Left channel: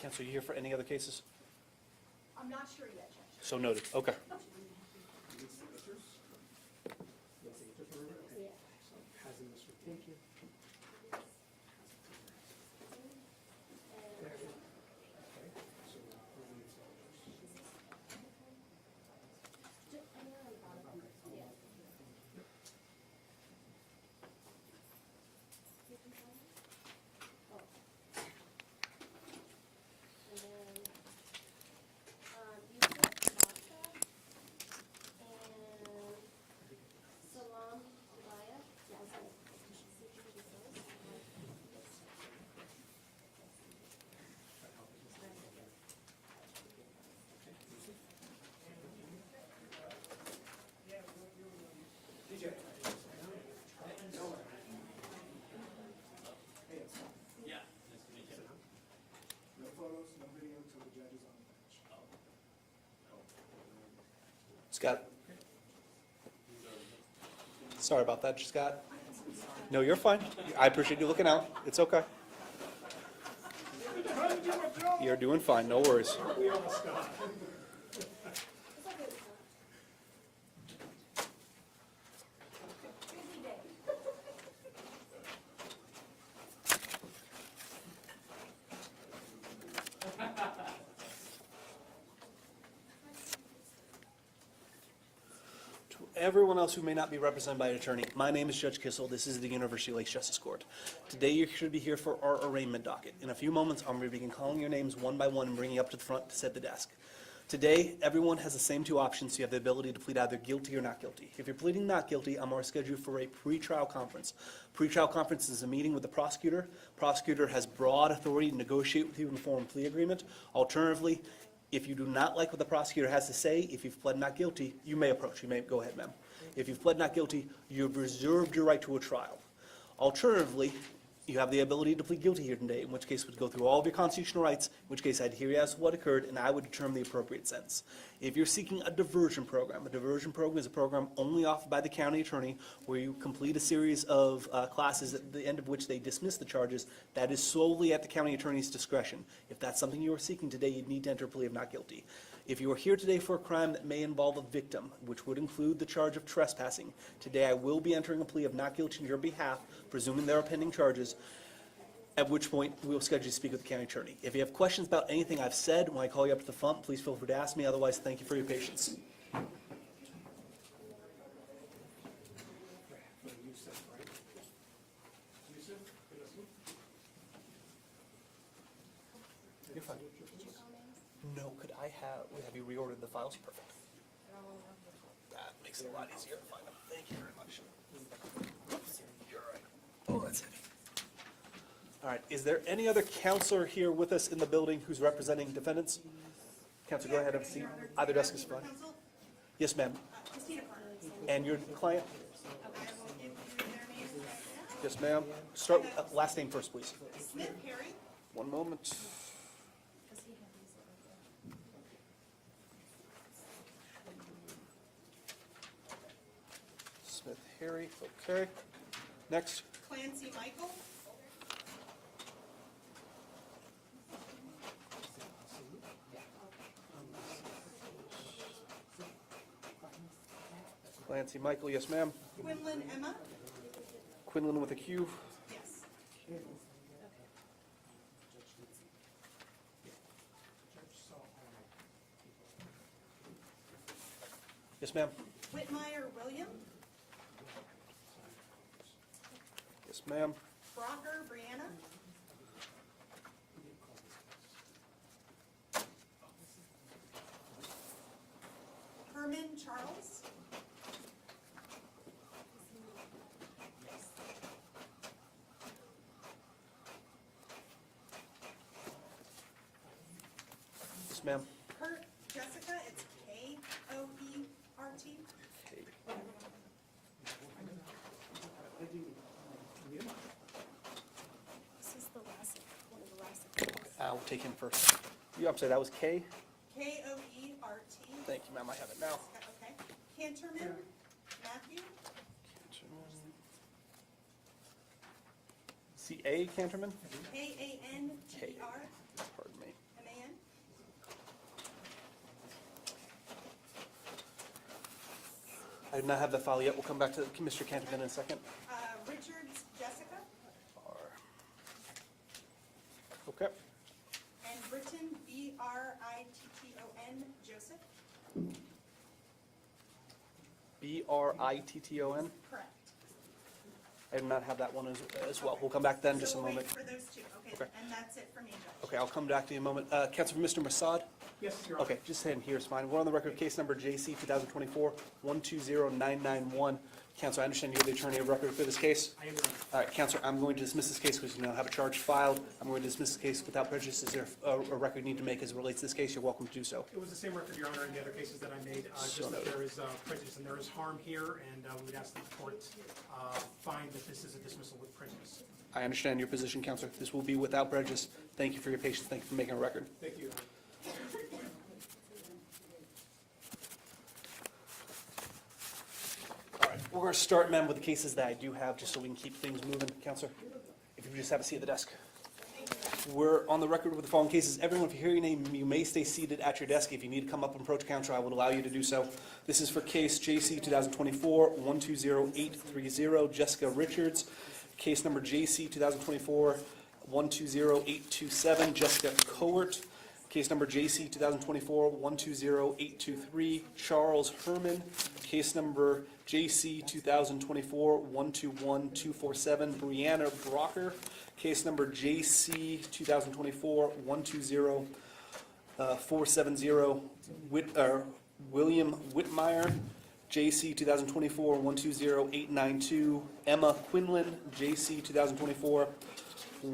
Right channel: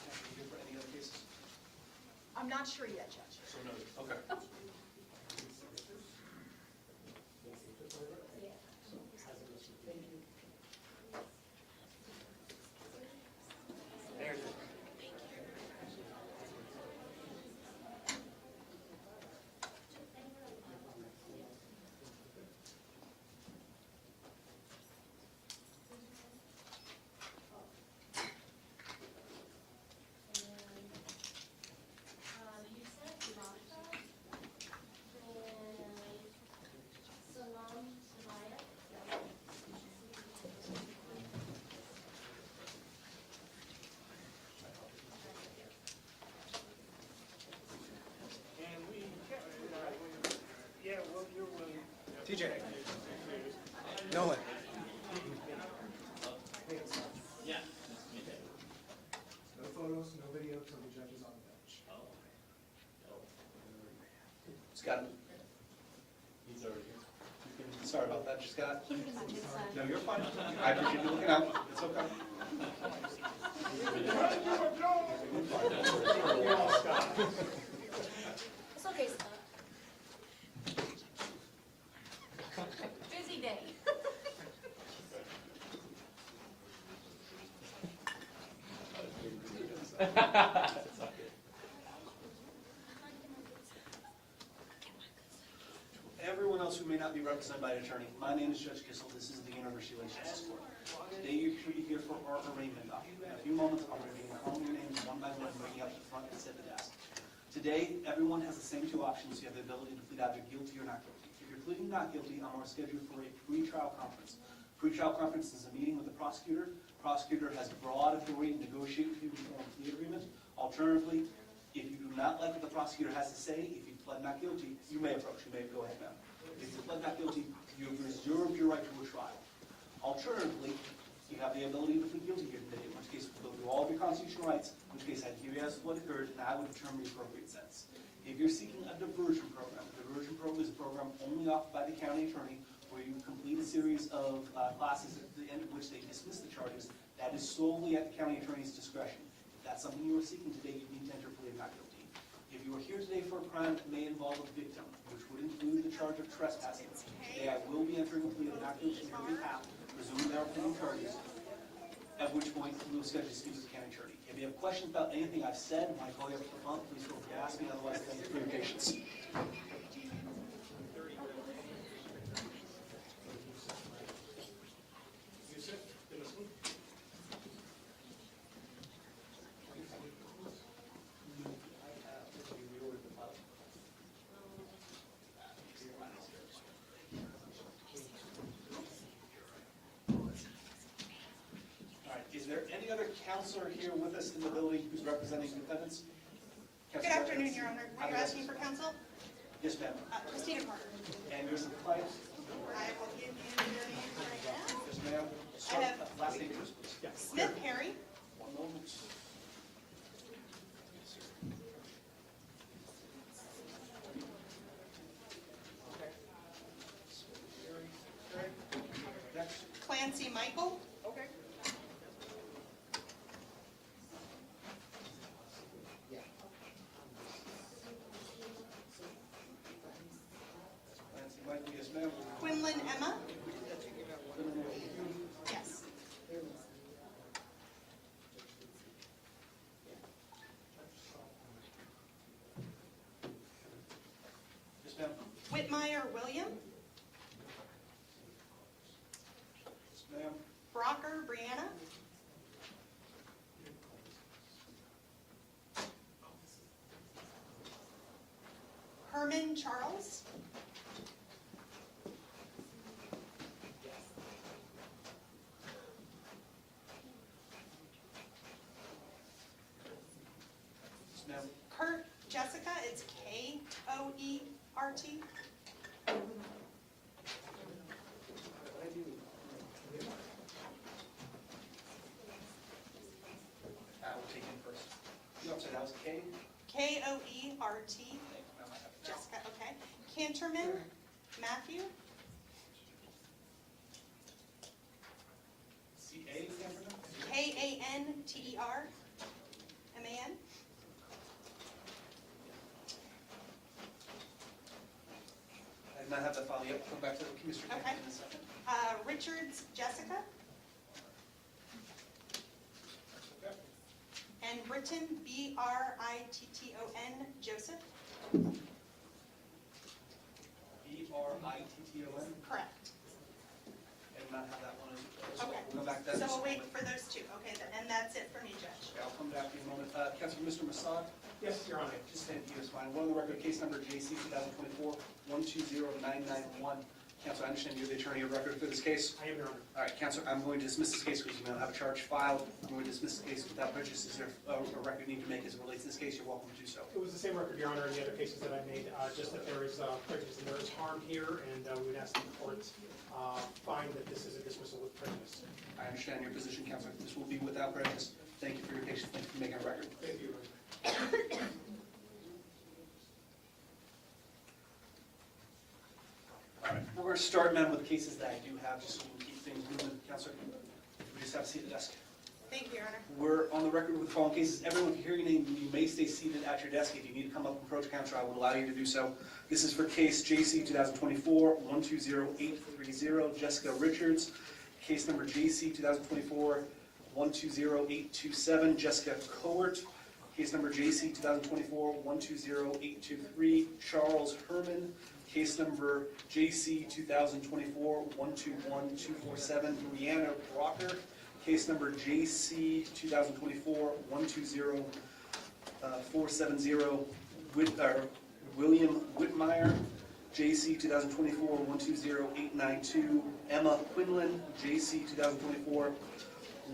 Counsel, you here for any other cases? I'm not sure yet, Judge. So noted. Okay. TJ. Nolan. No photos, no video until the judge is on the bench. Scott? Sorry about that, Scott. No, you're fine. I appreciate you looking out. It's okay. You're doing fine. No worries. It's okay, Scott. Busy day. Everyone else who may not be represented by an attorney, my name is Judge Kissel. This is the University Lakes Justice Court. Today you should be here for our arraignment docket. In a few moments, I'm going to be calling your names one by one and bringing you up to the front to sit at the desk. Today, everyone has the same two options. You have the ability to plead either guilty or not guilty. If you're pleading not guilty, I'm going to schedule you for a pre-trial conference. Pre-trial conference is a meeting with the prosecutor. Prosecutor has broad authority to negotiate with you in the form of plea agreement. Alternatively, if you do not like what the prosecutor has to say, if you've pled not guilty, you may approach. You may go ahead, ma'am. If you've pled not guilty, you've reserved your right to a trial. Alternatively, you have the ability to plead guilty here today, in which case we'd go through all of your constitutional rights, in which case I'd hear you as to what occurred, and I would determine the appropriate sentence. If you're seeking a diversion program is a program only offered by the county attorney where you complete a series of classes at the end of which they dismiss the charges. That is solely at the county attorney's discretion. If that's something you are seeking today, you'd need to enter a plea of not guilty. If you are here today for a crime that may involve a victim, which would include the charge of trespassing, today I will be entering a plea of not guilty on your behalf, presuming there are pending charges, at which point we will schedule you to speak with the county attorney. If you have questions about anything I've said when I call you up to the front, please feel free to ask me. Otherwise, thank you for your patience. No, could I have, if we reordered the files? Perfect. That makes it a lot easier. Thank you very much. You're all right. Oh, that's it. All right, is there any other counselor here with us in the building who's representing defendants? Counselor, Good go ahead. afternoon, Your Honor. Either You're desk is asking for fine. counsel? Yes, ma'am. Christina Carter. And your client? I will give you their names right now. Yes, ma'am. Start, last name first, please. Smith Perry, One moment. Smith Harry, okay. Next. Clancy Michael, Clancy Michael, yes, ma'am. Quinlan Emma, Quinlan with a Q. yes. Yes, ma'am. Whitmire William, Yes, ma'am. Brocker Brianna, Herman Charles, Yes, ma'am. Kurt Jessica, it's Koert. I'll take him first. You upset, that was K? Koert. Thank you, ma'am, I have it now. Okay. Canterman Matthew, C.A. Canterman? Kanter, Pardon me. I do not have the file yet. We'll come back to Mr. Canterman in a second. Richards Jessica, Okay. and Britton, Britton Joseph. Britton? Correct. I do not have that one as well. Okay. We'll come back then in So just a we'll wait moment. for those two, okay, Okay. and that's it for me, Judge. Okay, I'll come back to you in a moment. Councilman, Mr. Masad? Yes, Your Honor. Okay, just saying here is fine. We're on the record, case number JC 2024-120991. Counsel, I understand you're the attorney of record for this case. I am, Your Honor. All right, Counselor, I'm going to dismiss this case because we now have a charge filed. I'm going to dismiss the case without prejudice. Is there a record you need to make as it relates to this case? You're welcome to do so. It was the same record, Your Honor, in the other cases that I made, just that there is prejudice and there is harm here, and we would ask that the court find that this is a dismissal with prejudice. I understand your position, Counselor. This will be without prejudice. Thank you for your patience. Thank you for making a record. Thank you, Your Honor. We're going to start, ma'am, with the cases that I do have, just so we can keep things moving. Counselor, if you just have a seat at the desk. Thank you, Your Honor. We're on the record with the following cases. Everyone, if you hear your name, you may stay seated at your desk. If you need to come up and approach counsel, I would allow you to do so. This is for case JC 2024-120830, Jessica Richards. Case number JC 2024-120827, Jessica Coert. Case number JC 2024-120823, Charles Herman. Case number JC 2024-121247, Brianna Brocker. Case number JC 2024-120470, William Whitmire. JC 2024-120892, Emma Quinlan. JC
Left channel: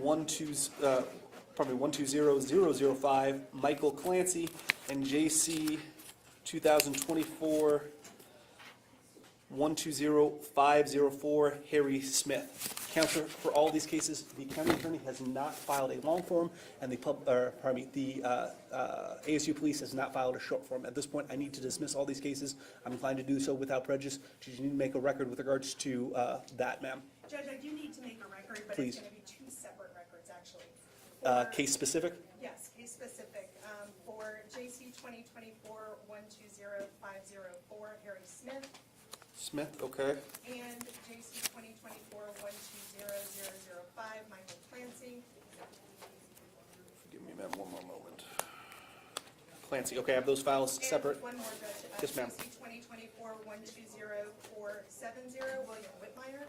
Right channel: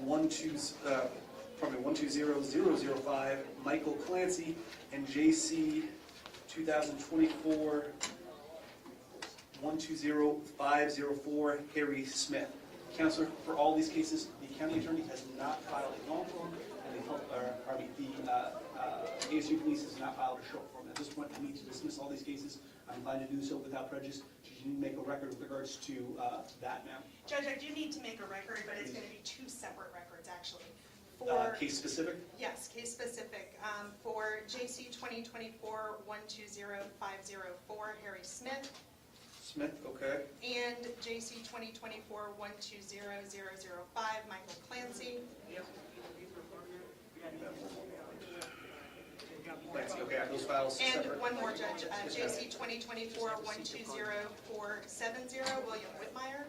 120-005, Michael Clancy, and JC 2024-120504, Harry Smith. Counselor, for all these cases, the county attorney has not filed a long form, and the ASU police has not filed a short form. At this point, I need to dismiss all these cases. I'm inclined to do so without prejudice. Did you need to make a record with regards to that, ma'am? Judge, I do need to make a record, but Please. it's going to be two separate records, actually. Case specific? Yes, case specific. For JC 2024-120504, Harry Smith, Smith, okay. and JC 2024-120005, Michael Clancy. Clancy, okay, I have those files And separate. one more, Judge, Yes, ma'am. JC 2024-120470, William Whitmire.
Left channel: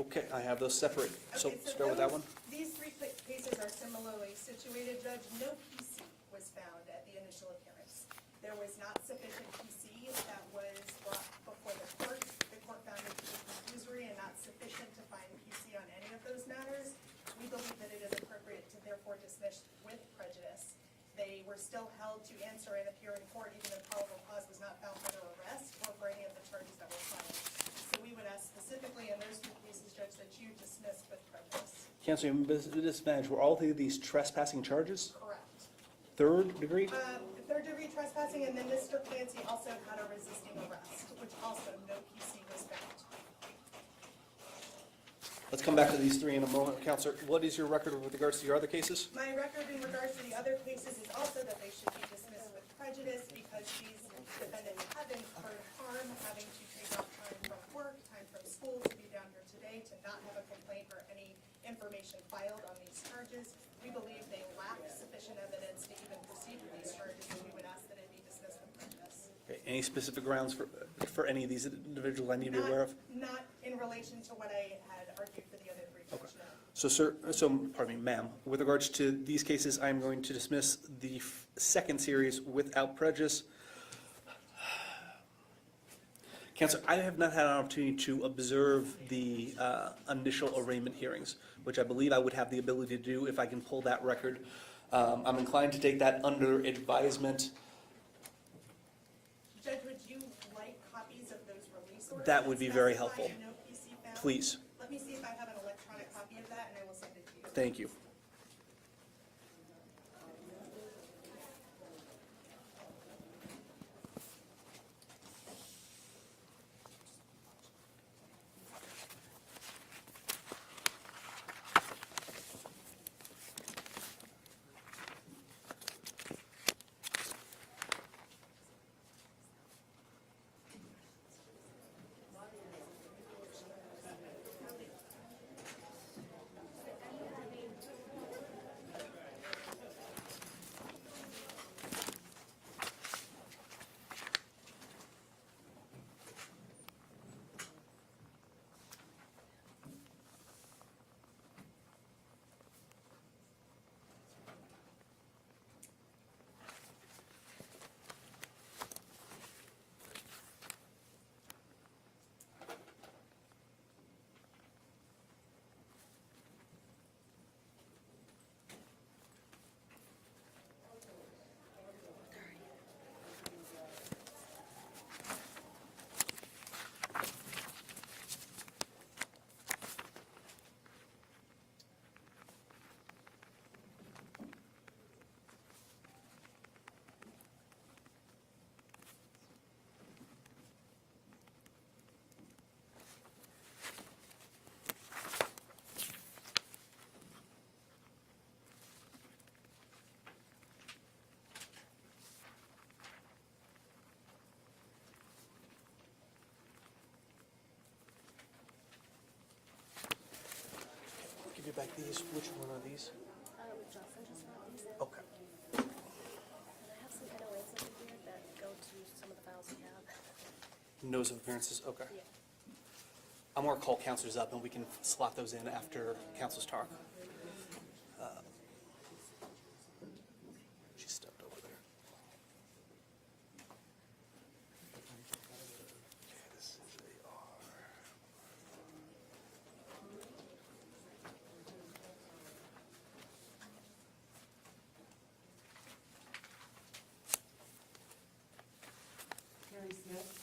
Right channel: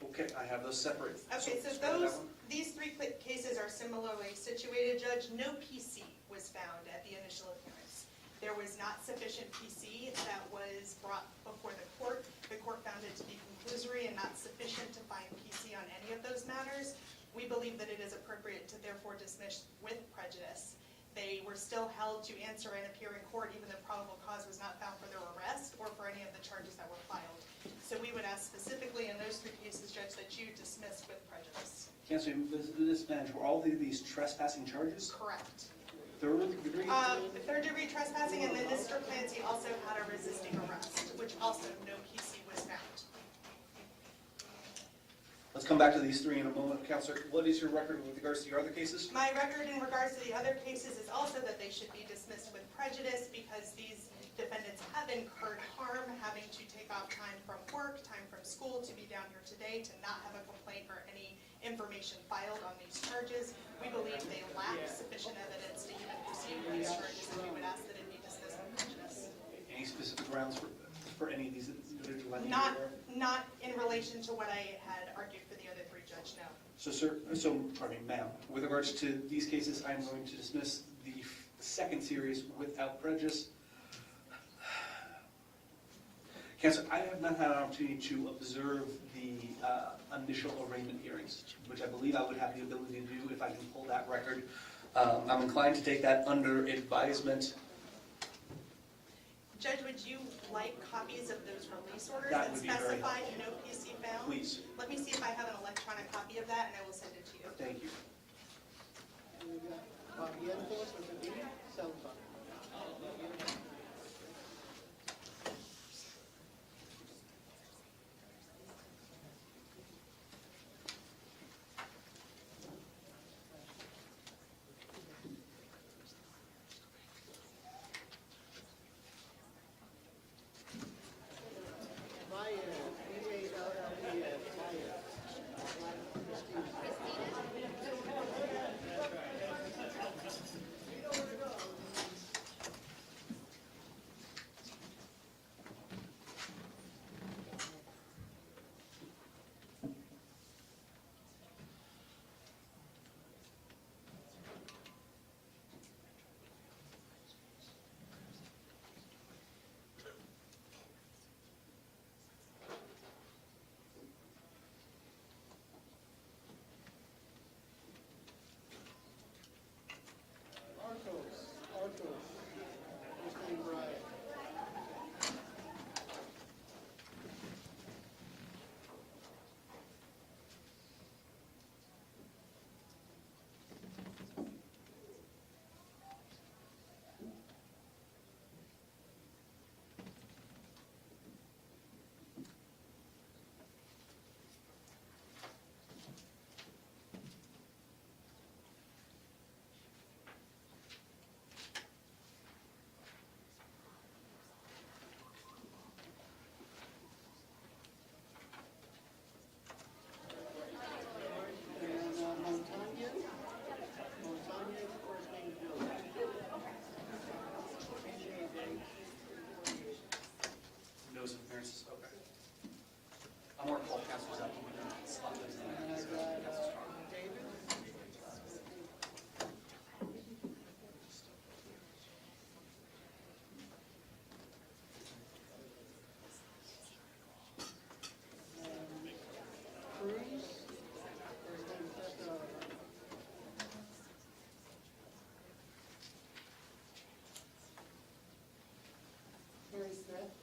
Okay, I have those separate. So Okay, so start with that one. these three cases are similarly situated, Judge. No PC was found at the initial appearance. There was not sufficient PC that was brought before the court. The court found it to be conclusory and not sufficient to find PC on any of those matters. We believe that it is appropriate to therefore dismiss with prejudice. They were still held to answer and appear in court even if probable cause was not found for their arrest or for any of the charges that were filed. So we would ask specifically in those three cases, Judge, that you dismiss with prejudice. Counselor, this manager, were all of these trespassing charges? Correct. Third degree? Third degree trespassing, and then Mr. Clancy also had a resisting arrest, which also no PC was found. Let's come back to these three in a moment. Counselor, what is your record with regards to your other cases? My record in regards to the other cases is also that they should be dismissed with prejudice because these defendants have incurred harm, having to take off time from work, time from school to be down here today, to not have a complaint or any information filed on these charges. We believe they lack sufficient evidence to even proceed with these charges, and we would ask that it be dismissed with prejudice. Okay, any specific grounds for any of these individuals I need to be aware of? Not in relation to what I had argued for the other three, Judge, no. So, pardon me, ma'am, with regards to these cases, I'm going to dismiss the second series without prejudice. Counselor, I have not had an opportunity to observe the initial arraignment hearings, which I believe I would have the ability to do if I can pull that record. I'm inclined to take that under advisement. Judge, would you like copies of those release orders? That would be very specify helpful. no PC found? Please, Let me see if I have an electronic copy of that, and I will send it to you. thank you. Which one are these? Notice of appearances, okay. I'm gonna call counselors up and we can slot those in after council's talk. She stepped over there. Harry Smith.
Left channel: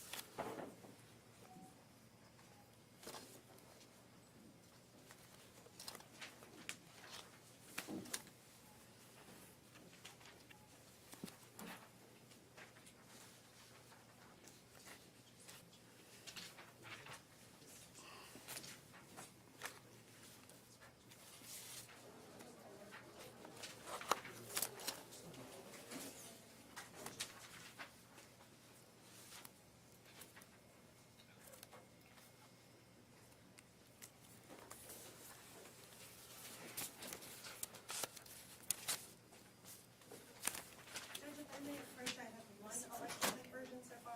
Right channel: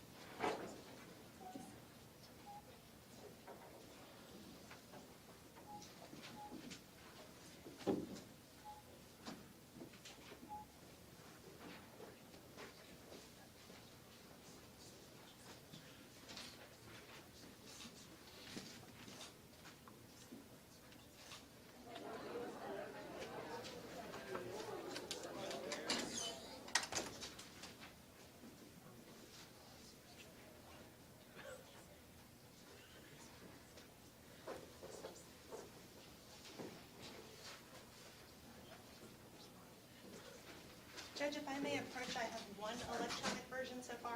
Judge, if I may approach, I have one electronic version so far.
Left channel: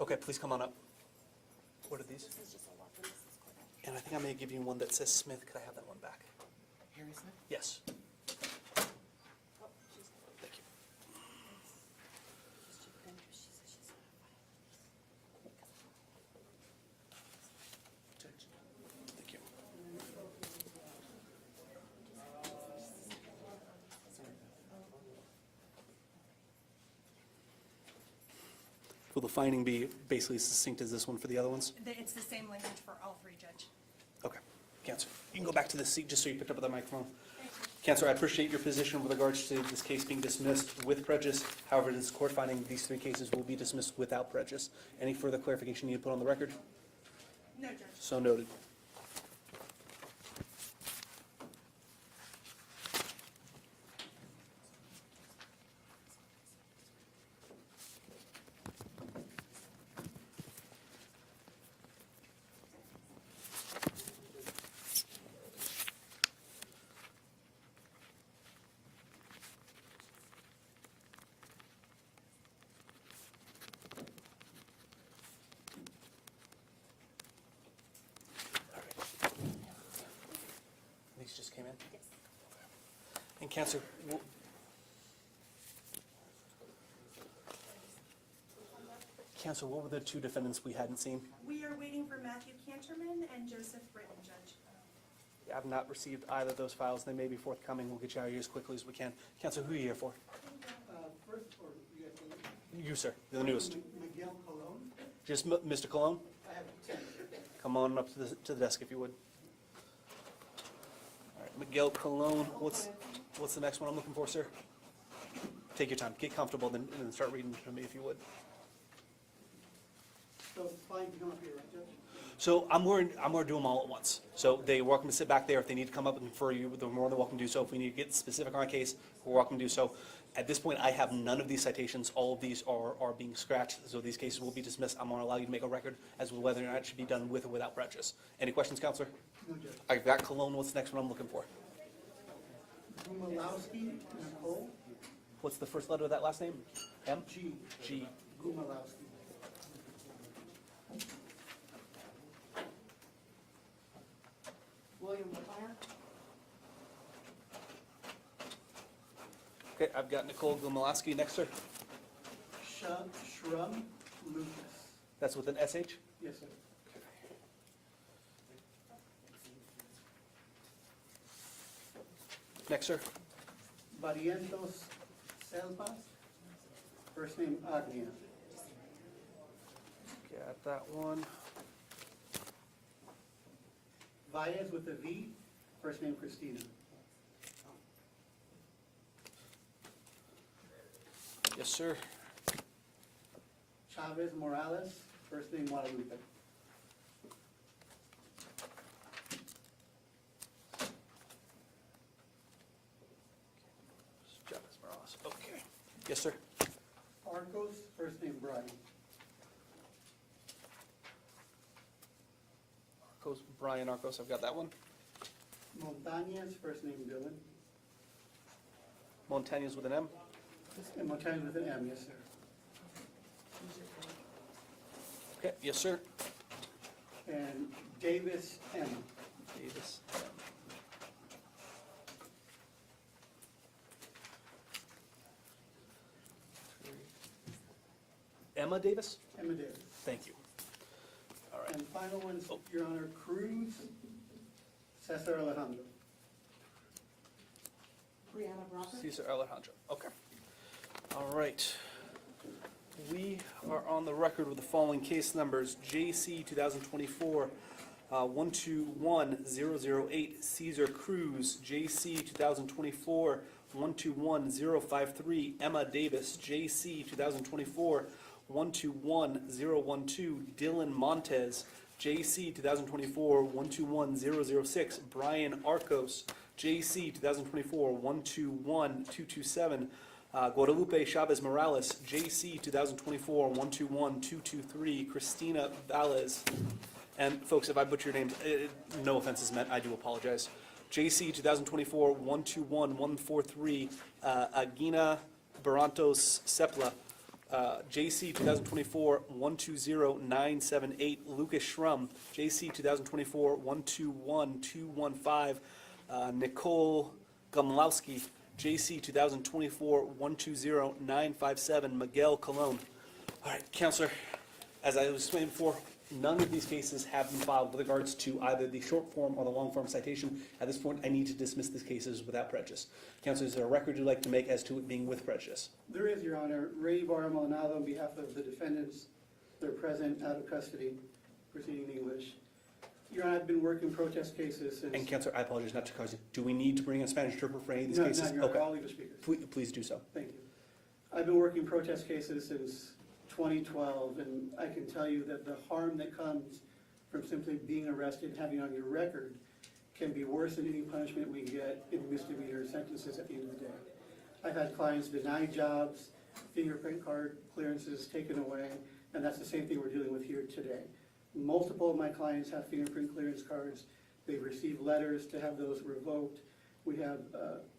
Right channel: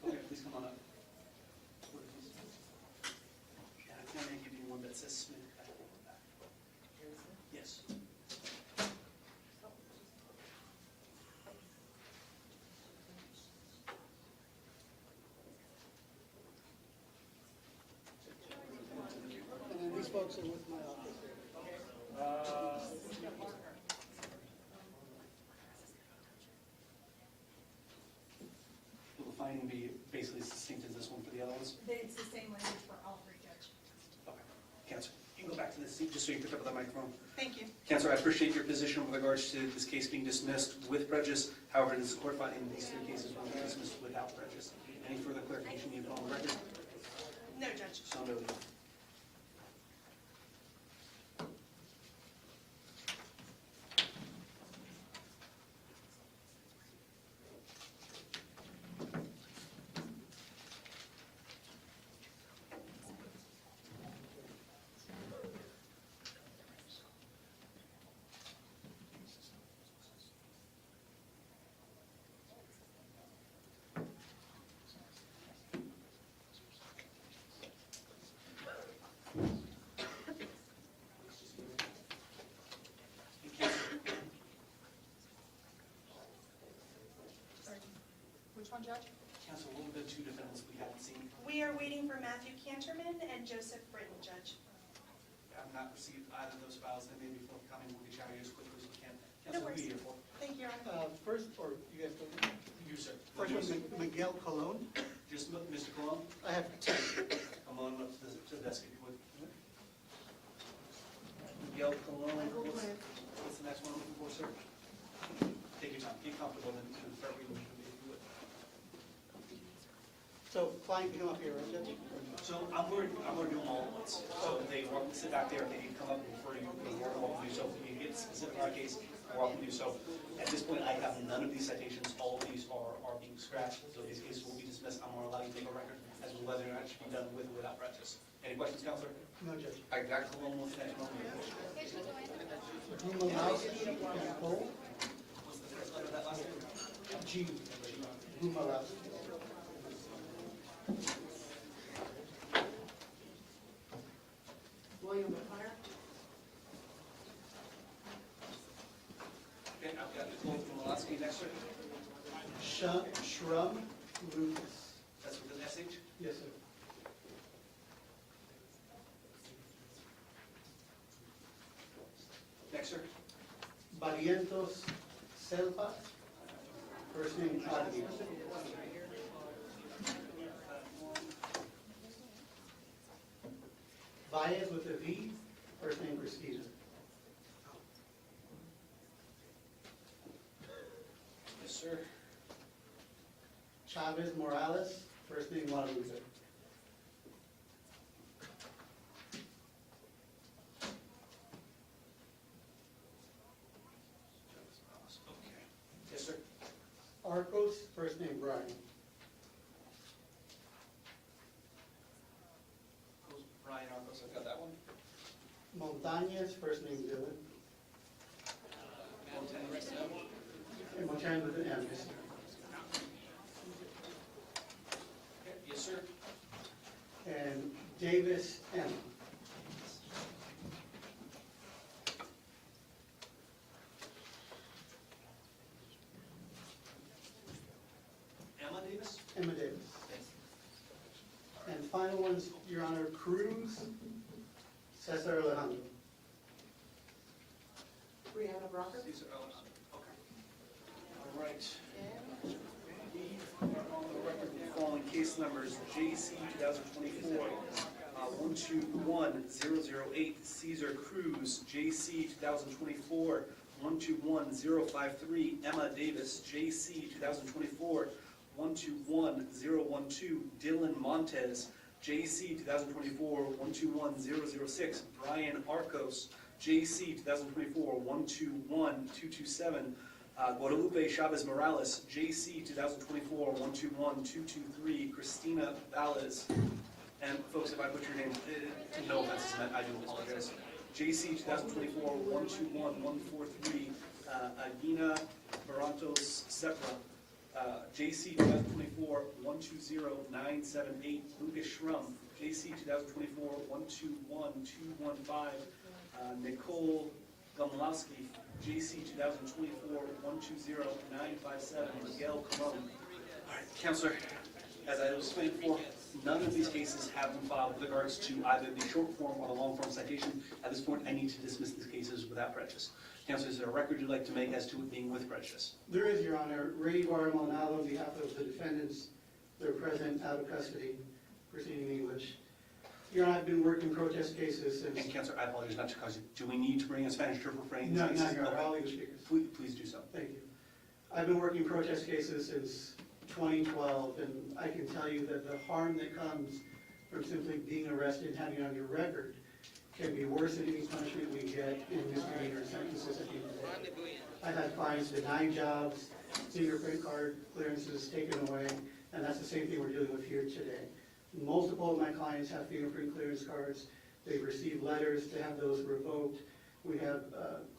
Okay, please come on up. What are these? And I think I'm gonna give you one that says Smith. Could I have that one back? Harry Smith. Yes. And then these folks are with my office. Will the finding be basically as succinct as this one for the other ones? It's the same language for all three, Judge. Okay, Counselor, you can go back to the seat just so you pick up the microphone. Thank you. Counselor, I appreciate your position with regards to this case being dismissed with prejudice. However, this court finding these three cases will be dismissed without prejudice. Any further clarification you need to put on the record? No, Judge. So noted. These just came in. And Counselor, Which one, Judge? Counselor, what were the two defendants we hadn't seen? We are waiting for Matthew Canterman and Joseph Britton, Judge. I've not received either of those files. They may be forthcoming. We'll get you out of here as quickly as we can. Counselor, who are you here for? Thank you, Your Honor. First, or you guys go there? You, sir. You're the newest. Miguel Colon. Just Mr. Cologne? I have 10. Come on up to the desk if you would. All right, Miguel Cologne, what's the next one I'm looking for, sir? Take your time, get comfortable, then start reading to me if you would. So client can come up here, right, Judge? So I'm going to do them all at once. So they're welcome to sit back there. If they need to come up and refer you, they're more than welcome to do so. If we need to get specific on a case, we're welcome to do so. At this point, I have none of these citations. All of these are being scratched, so these cases will be dismissed. I'm going to allow you to make a record as to whether or not it should be done with or without prejudice. Any questions, Counselor? No, Judge. I got Cologne. What's the next one I'm looking for? Gumalowski, Nicole. What's the first letter of that last name? M? G. G. Gumalowski. William McLaren. Okay, I've got Nicole Gomalaski next, sir. Shrum Lucas. That's with an SH? Yes, sir. Next, sir. Barrientos Selva. First name Adrian. Got that one. Baez with a V. First name Christina. Yes, sir. Chavez Morales. First name Guadalupe. Chavez Morales. Okay. Yes, sir. Arcos. First name Brian. Brian Arcos, I've got that one. Montañez, first name Dylan, Montañez with an M. and Montañez with an M, yes, sir. Okay, yes, sir. And Davis M. Davis. Emma Davis? Emma Davis. Thank you. All right. And final one's, Your Honor, Cruz Cesar Alejandro. Brianna Bronca. Cesar Alejandro, okay. All right. We are on the record with the following case numbers. JC 2024, 121008, Cesar Cruz. JC 2024, 121053, Emma Davis. JC 2024, 121012, Dylan Montez. JC 2024, 121006, Brian Arcos. JC 2024, 121227, Guadalupe Chavez Morales. JC 2024, 121223, Christina Valles. And folks, if I butcher your name, no offense is meant, I do apologize. JC 2024, 121143, Agina Barantos Sepla. JC 2024, 120978, Lucas Schrum. JC 2024, 121215, Nicole Gomlowski. JC 2024, 120957, Miguel Colon. All right, Counselor, as I was explaining before, none of these cases have been filed with regards to either the short form or the long form citation. At this point, I need to dismiss these cases without prejudice. Counselor, is there a record you'd like to make as to it being with prejudice? There is, Your Honor, Ray Barmaldonado on behalf of the defendants. They're present, out of custody, proceeding in English. Your Honor, I've been working protest cases since... And Counselor, I apologize not to cause you. Do we need to bring a Spanish interpreter for any of these No, cases? not Your Honor, Okay. all English speakers. Please do so. Thank you. I've been working protest cases since 2012, and I can tell you that the harm that comes from simply being arrested and having it on your record can be worse than any punishment we get in misdemeanor sentences at the end of the day. I've had clients denied jobs, fingerprint card clearances taken away, and that's the same thing we're dealing with here today. Multiple of my clients have fingerprint clearance cards. They've received letters to have those revoked. We have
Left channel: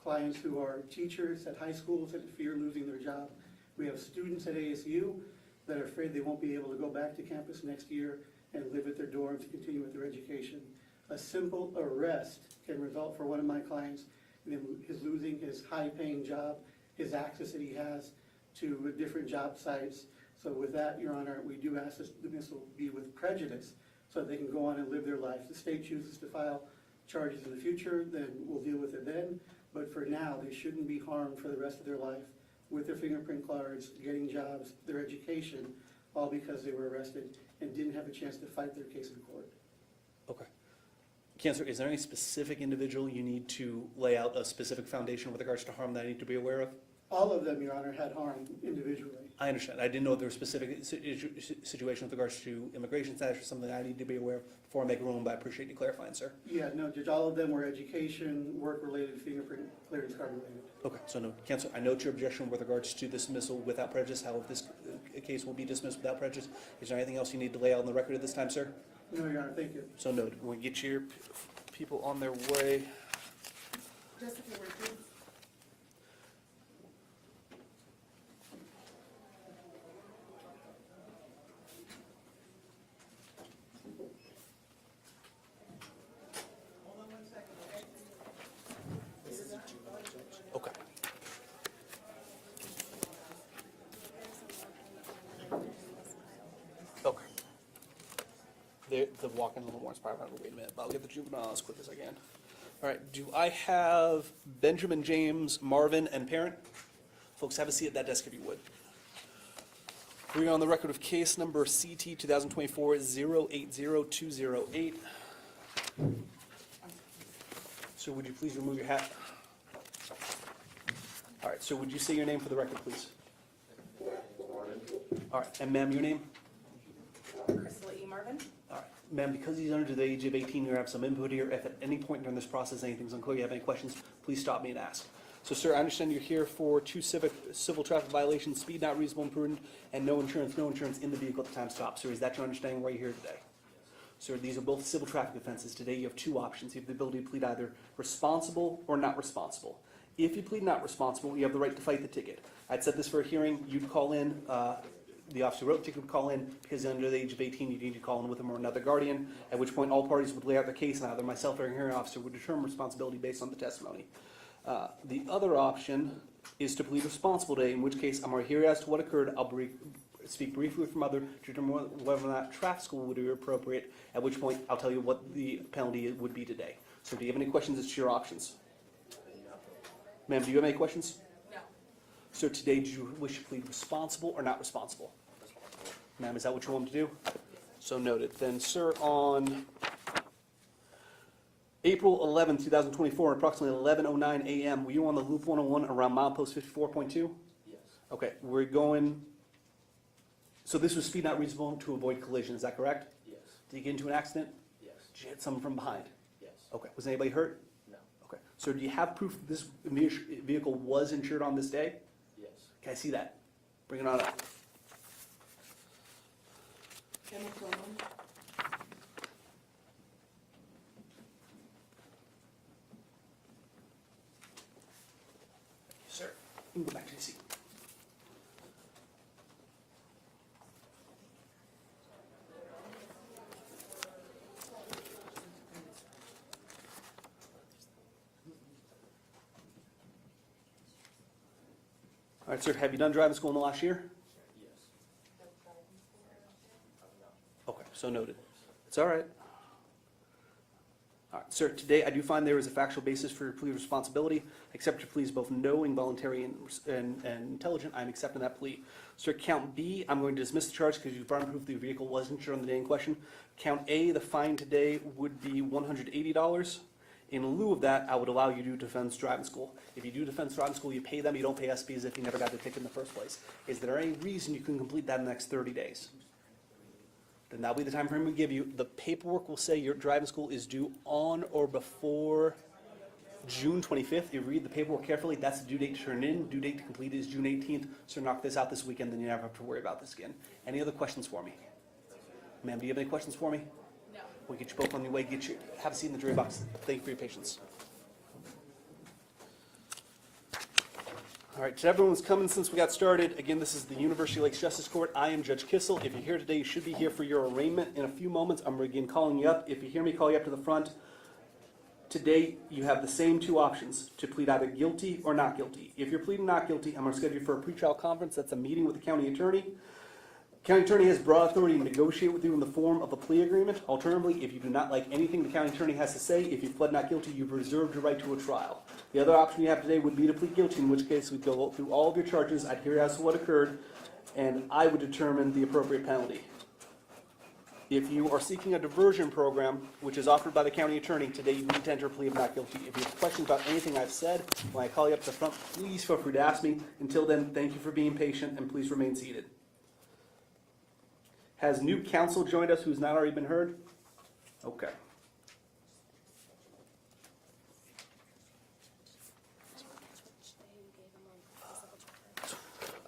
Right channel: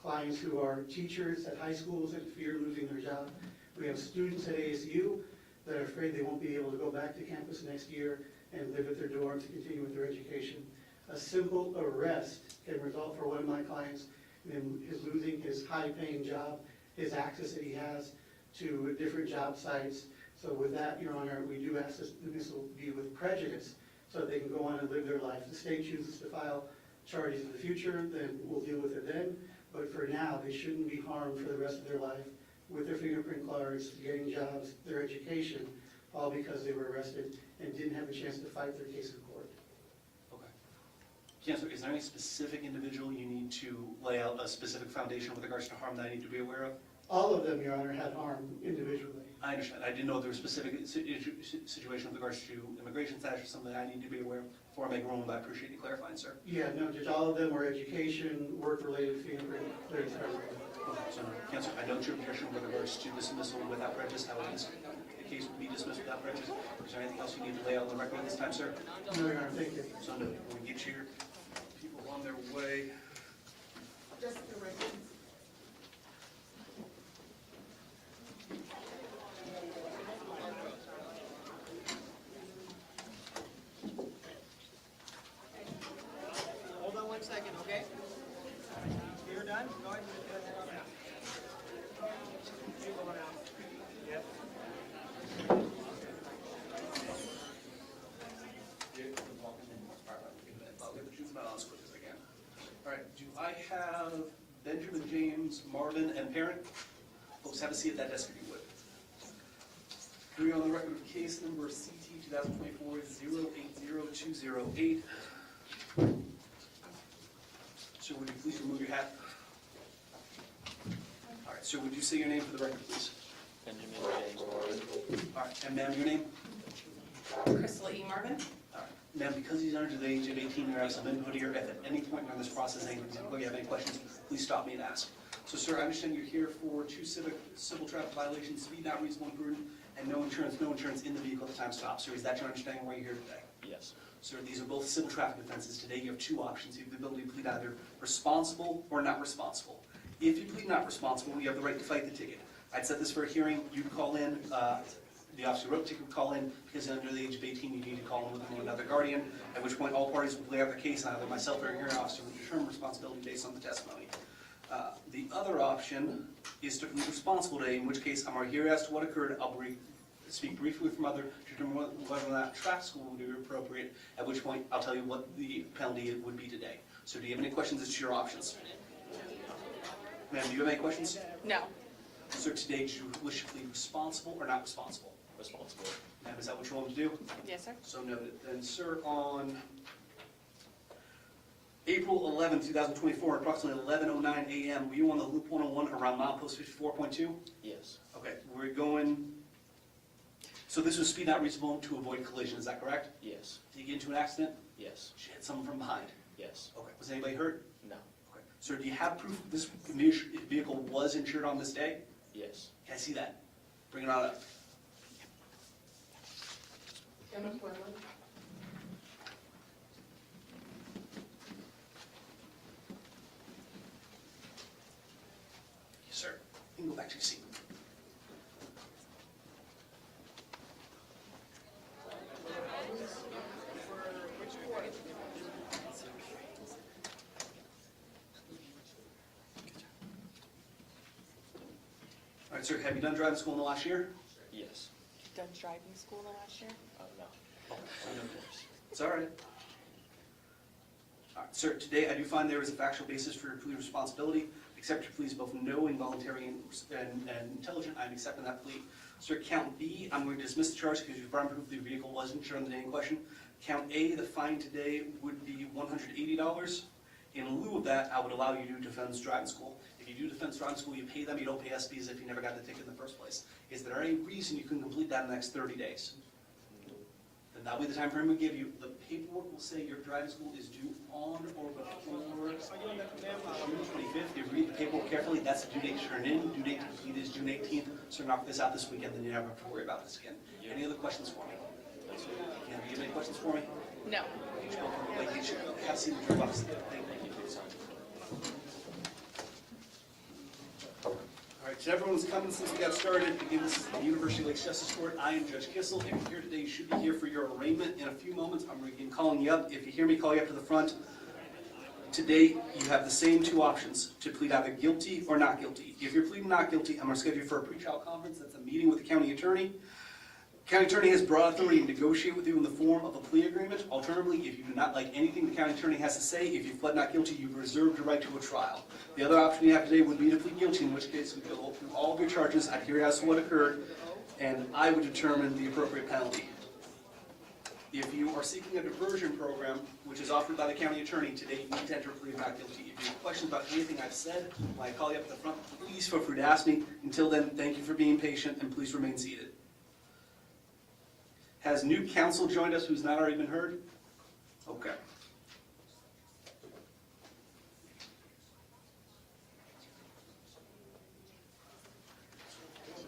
clients who are teachers at high schools that fear losing their job. We have students at ASU that are afraid they won't be able to go back to campus next year and live at their dorms to continue with their education. A simple arrest can result for one of my clients in his losing his high-paying job, his access that he has to different job sites. So with that, Your Honor, we do ask this dismissal be with prejudice so that they can go on and live their life. If the state chooses to file charges in the future, then we'll deal with it then. But for now, they shouldn't be harmed for the rest of their life with their fingerprint cards, getting jobs, their education, all because they were arrested and didn't have a chance to fight their case in court. Okay. Counselor, is there any specific individual you need to lay out a specific foundation with regards to harm that I need to be aware of? All of them, Your Honor, had harm individually. I understand. I didn't know if there was a specific situation with regards to immigration status or something that I need to be aware of before I make a ruling, but I appreciate you clarifying, sir. Yeah, no, Judge, all of them were education, work-related fingerprint clearance card. Okay, so no, Counselor, I note your objection with regards to dismissal without prejudice, how this case will be dismissed without prejudice. Is there anything else you need to lay out on the record at this time, sir? No, Your Honor, thank you. So noted. We'll get your people on their way. Just a few words, please. Hold on 1 second, okay? You're done? Go ahead. Okay. Okay. The walk-in a little more inspired. Wait a minute, I'll get the juvenile as quick as I can. All right, do I have Benjamin, James, Marvin, and Parent? Folks, have a seat at that desk if you would. We are on the record of case number CT 2024-080208. So would you please remove your hat? All right, so would you say your name for the record, please? Benjamin James Morgan. All right, and ma'am, your name? Crystal E. Marvin. All right, ma'am, because he's under the age of 18, you have some input here. If at any point during this process anything's unclear, you have any questions, please stop me and ask. So, sir, I understand you're here for two civil traffic violations, speed not reasonable and prudent, and no insurance in the vehicle at the time stop. Sir, is that your understanding why you're here today? Yes. So these are both civil traffic offenses. Today you have two options. You have the ability to plead either responsible or not responsible. If you plead not responsible, you have the right to fight the ticket. I'd set this for a hearing. You'd call in, the officer who wrote the ticket would call in, because under the age of 18 you need to call in with him or another guardian, at which point all parties would lay out their case, and either myself or a hearing officer would determine responsibility based on the testimony. The other option is to plead responsible today, in which case I'm going to hear as to what occurred. I'll speak briefly with mother to determine whether or not traffic school would be appropriate, at which point I'll tell you what the penalty would be today. So do you have any questions? It's your options. Ma'am, do you have any questions? No. So today, do you wish to plead responsible or not responsible? Responsible. Ma'am, is that what you're willing to do? Yes, sir. So noted. Then, sir, on April 11, 2024, approximately 11:09 a.m., were you on the Loop 101 around milepost 54.2? Yes. Okay, we're going, so this was speed not reasonable to avoid collision, is that correct? Yes. Did you get into an accident? Yes. Did you hit someone from behind? Yes. Okay, was anybody hurt? No. Okay, so do you have proof this vehicle was insured on this day? Yes. Can I see that? Bring it on up. Emma Quinlan. Yes, sir. You can go back to your seat. All right, sir, have you done driving school in the last year? Yes. Done driving school the last year? No. Okay, so noted. It's all right. All right, sir, today I do find there is a factual basis for your plea of responsibility. Accept your plea is both knowing, voluntary, and intelligent. I'm accepting that plea. Sir, count B, I'm going to dismiss the charge because you've brought proof the vehicle was insured on the day in question. Count A, the fine today would be $180. In lieu of that, I would allow you to do defense driving school. If you do defense driving school, you pay them, you don't pay SB as if you never got the ticket in the first place. Is there any reason you can complete that in the next 30 days? Then that'll be the time frame we give you. The paperwork will say your driving school is due on or before June 25th. If you read the paperwork carefully, that's the due date to turn in. Due date to complete is June 18th. So knock this out this weekend, then you never have to worry about this again. Any other questions for me? Ma'am, do you have any questions for me? No. We'll get you both on your way. Get you. Have a seat in the jury box. Thank you for your patience. All right, to everyone who's coming since we got started, again, this is the University Lakes Justice Court. I am Judge Kissel. If you're here today, you should be here for your arraignment. In a few moments, I'm going to begin calling you up. If you hear me call you up to the front, today you have the same two options, to plead either guilty or not guilty. If you're pleading not guilty, I'm going to schedule you for a pretrial conference. That's a meeting with the county attorney. County attorney has broad authority to negotiate with you in the form of a plea agreement. Alternatively, if you do not like anything the county attorney has to say, if you pled not guilty, you've reserved your right to a trial. The other option you have today would be to plead guilty, in which case we go through all of your charges, I'd hear as to what occurred, and I would determine the appropriate penalty. If you are seeking a diversion program, which is offered by the county attorney, today you need to enter a plea of not guilty. If you have questions about anything I've said, when I call you up to the front, please feel free to ask me. Until then, thank you for being patient, and please remain seated. Has new counsel joined us who's not already been heard? Okay.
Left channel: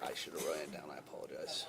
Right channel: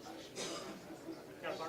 I should have written it down, I apologize.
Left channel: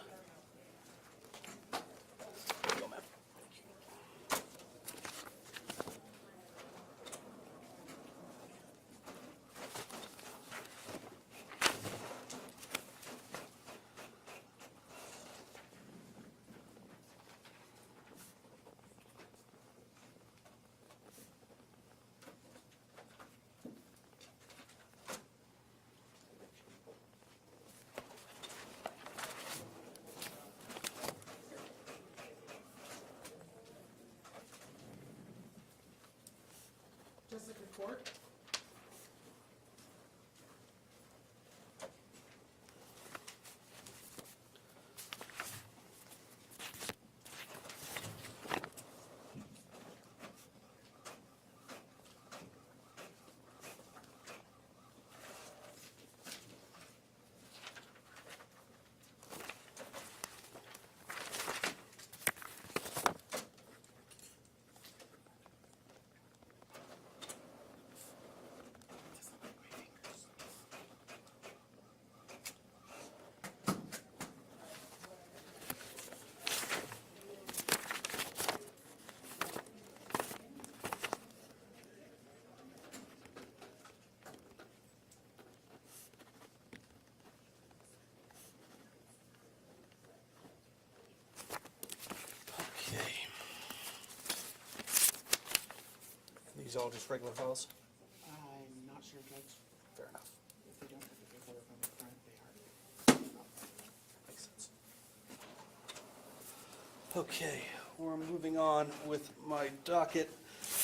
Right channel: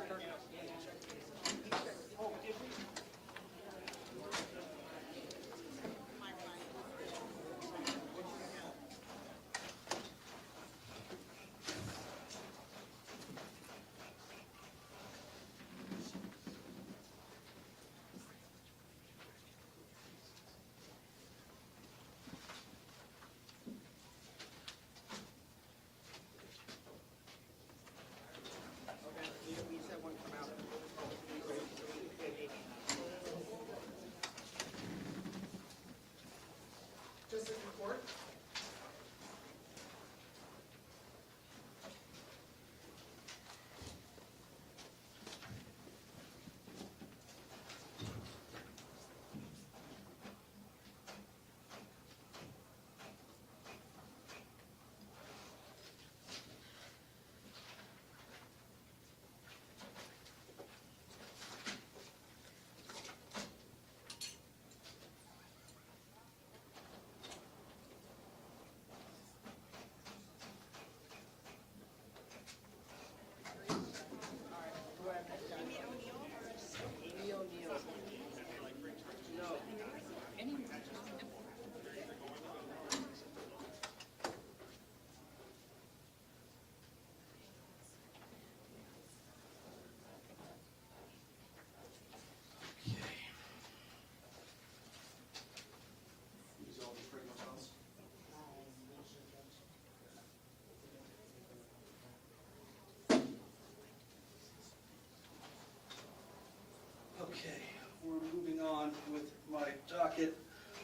these all just regular files? I'm not sure, Judge. Fair enough. If they were from the front, they are. Makes sense. Okay, we're moving on with my docket.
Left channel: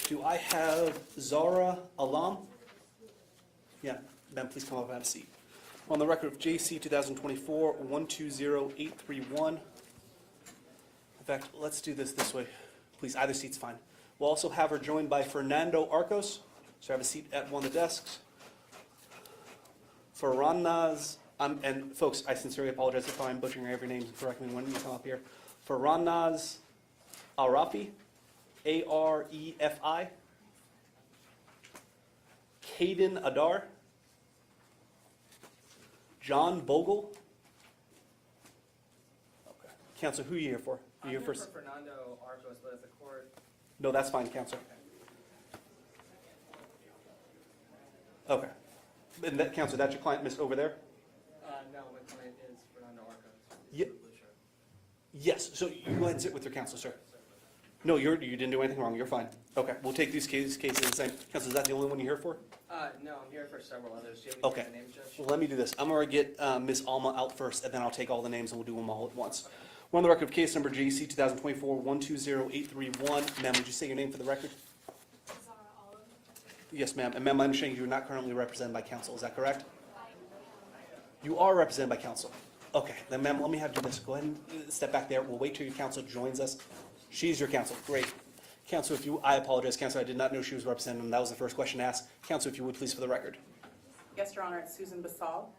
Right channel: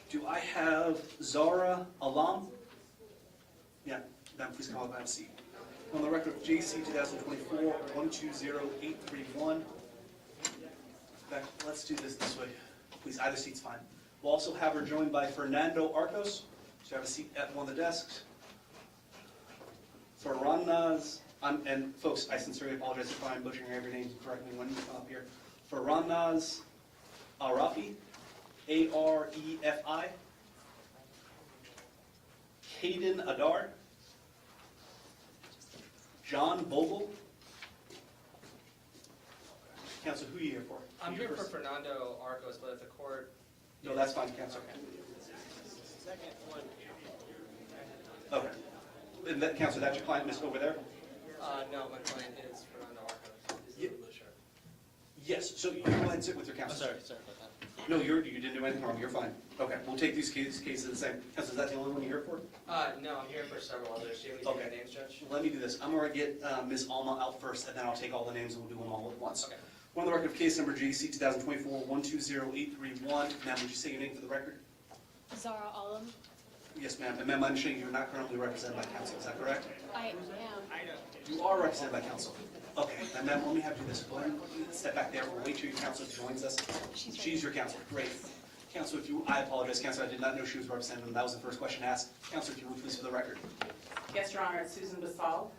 Do I have Zara Alam? Yeah, ma'am, please come up and have a seat. On the record of JC 2024-120831. In fact, let's do this way. Please, either seat's fine. We'll also have her joined by Fernando Arcos. She'll have a seat at one of the desks. Faranaz, and folks, I sincerely apologize if I'm butchering every name correctly when you come up here. Faranaz Arafi, Arefi. Caden Adar. John Bogle. Counselor, who are you here for? I'm You here for first? Fernando Arcos, but if the court, No, that's fine, Counselor. second one, Okay. And that, Counselor, that's your client, Miss over there? no, my client is Fernando Arcos. Ye- Yes, so you go ahead and sit with your Oh, counsel. sorry about that. No, you didn't do anything wrong, you're fine. Okay, we'll take these cases the same. Counselor, is that the only one you're here for? No, I'm here for several others. Do you have Okay. any names, Judge? Well, let me do this. I'm gonna get Ms. Alma out first, and then I'll take all the names and we'll do them all at once. Okay. We're on the record of case number GC 2024-120831. Ma'am, would you say your name for the record? Zara Alam. Yes, ma'am. And ma'am, I understand you're not currently represented by counsel, is that correct? I am. You are represented by counsel. Okay, then ma'am, let me have you do this. Go ahead and step back there. We'll wait till your counsel joins us. She's your counsel. Great. Counsel, I apologize, counsel, I did not know she was represented, and that was the first question asked. Counsel, if you would please for the record. Yes, Your Honor, it's Susan Basal.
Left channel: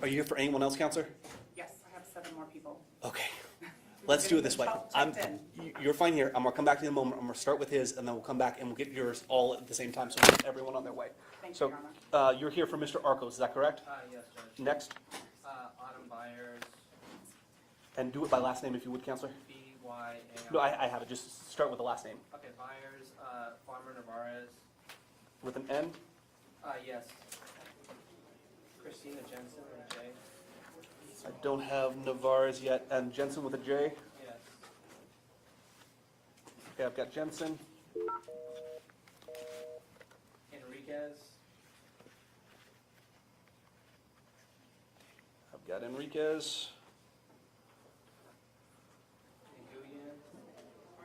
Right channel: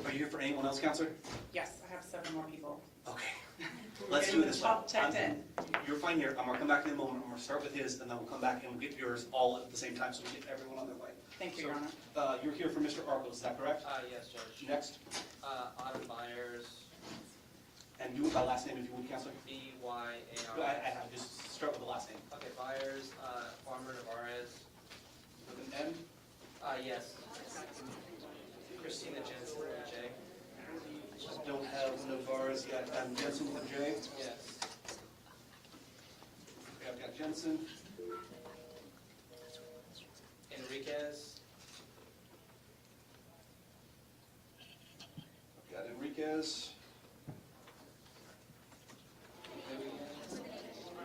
Are you here for anyone else, counselor? Yes, I have 7 more people. Okay. Let's do it this way. Checked in. You're fine here. I'm gonna come back to you in a moment. I'm gonna start with his, and then we'll come back and we'll get yours all at the same time, so we'll get everyone on their way. Thank So- you, Your Honor. You're here for Mr. Arcos, is that correct? Yes, Judge. Next, Autumn Byers, and do it by last name if you would, counselor. B-Y-A-R. No, I have it. Just start with the last name. Okay, Byers, Farmer Navarez, With an N? yes. Christina Jensen with a J. Just don't have Navarez yet. And Jensen with a J. Yes. Okay, I've got Jensen. Enriquez, I've got Enriquez.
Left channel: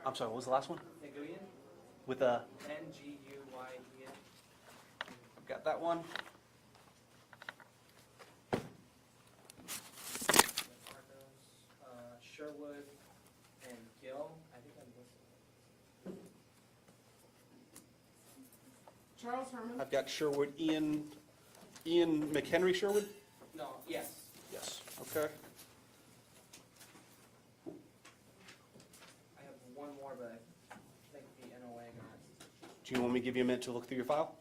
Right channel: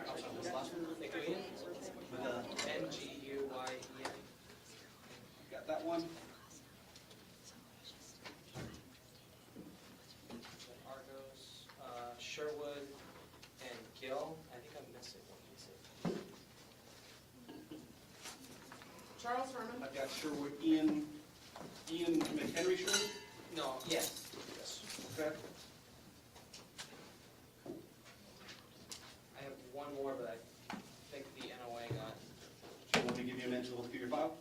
I'm sorry, what was the last one? Nguyen, With a, Nguyen. got that one. Argos, Sherwood, and Gill. I think I'm missing one. Charles Herman. I've got Sherwood, Ian McHenry Sherwood? No, yes. Yes. Okay. I have one more, but I think the NOA got. Do you want me to give you a minute to look through your file?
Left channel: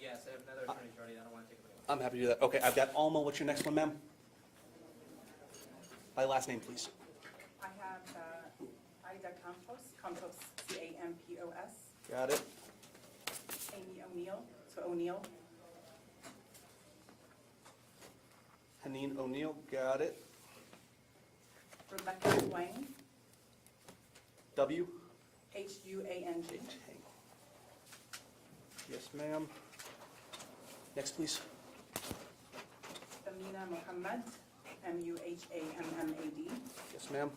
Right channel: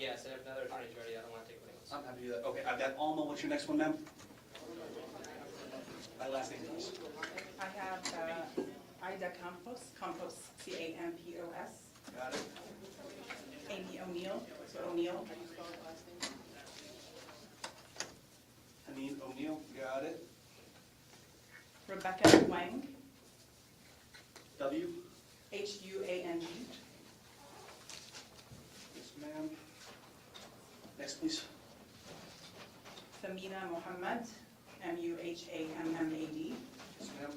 Yes, and if another attorney's ready, I don't want to take anyone's. I'm happy to do that. Okay, I've got Alma. What's your next one, ma'am? By last name, please. I have Ida Campos, C-A-M-P-O-S. Got it. Amy O'Neill, so O'Neill. Haneen O'Neill. Got it. Rebecca Wang, W. H-U-A-N-G. Yes, ma'am. Next, please. Samina Mohammed, M-U-H-A-M-M-A-D. Yes, ma'am.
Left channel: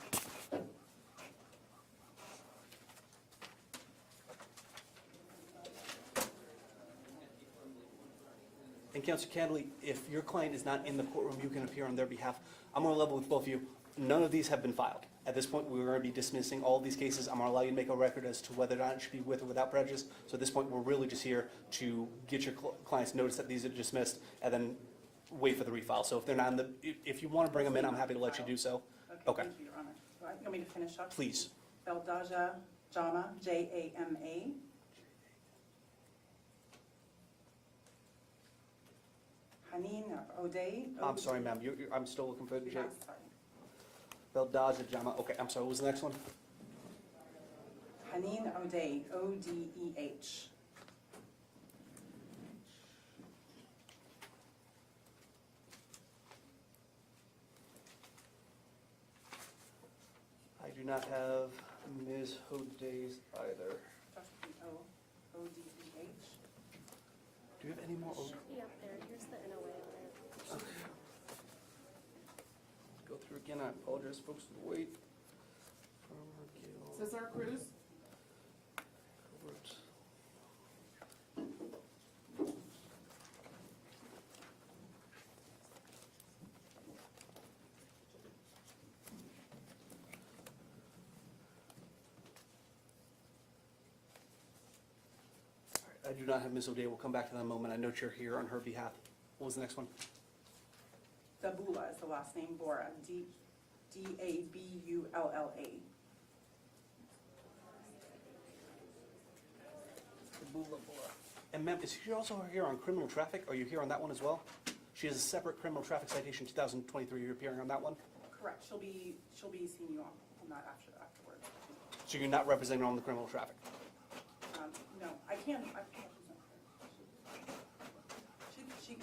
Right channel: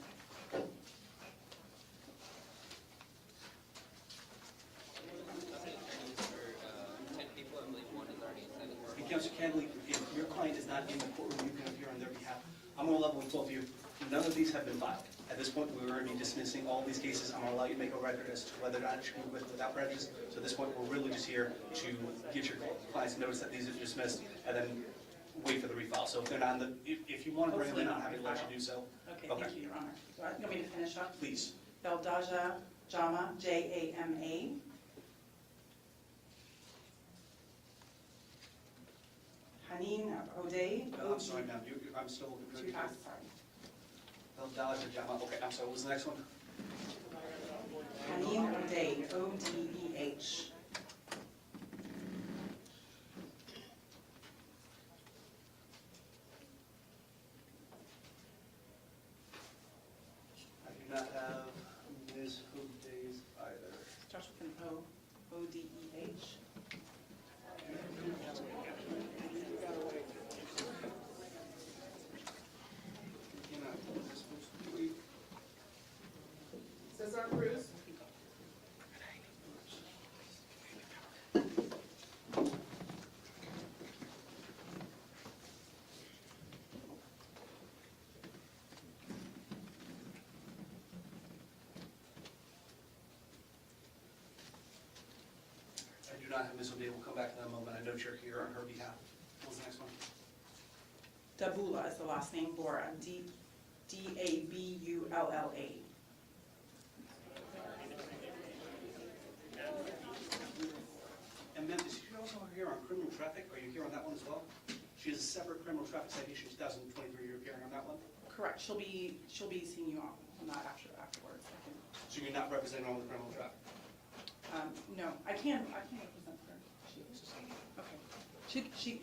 And Counsel Cadley, if your client is not in the courtroom, you can appear on their behalf. I'm going to level with both of you. None of these have been filed. At this point, we're going to be dismissing all of these cases. I'm going to allow you to make a record as to whether or not it should be with or without prejudice. So at this point, we're really just here to get your clients notice that these are dismissed and then wait for the refile. So if they're not in the, if you want to bring them in, I'm happy to let you do so. Okay, thank you, Your Honor. Do you want me to finish up? Please. Beldaja Jama, J-A-M-A. Haneen O'Day. I'm sorry, ma'am. I'm still looking for the Sorry. Beldaja Jama. Okay, I'm sorry. What was the next one? Haneen O'Day, O-D-E-H. I do not have Ms. Hoday's either. Joshua O-D-E-H. do not have Ms. O'Day. We'll come back to that in a moment. I know you're here on her behalf. What was the next one? Dabula is the last name, Bora, D-A-B-U-L-L-A. And ma'am, is she also here on criminal traffic? Are you here on that one as well? She has a separate criminal traffic citation 2023. You're appearing on that one? Correct, she'll be seeing you on that afterwards. So you're not representing her on the criminal traffic? No, I can't represent her. Okay. She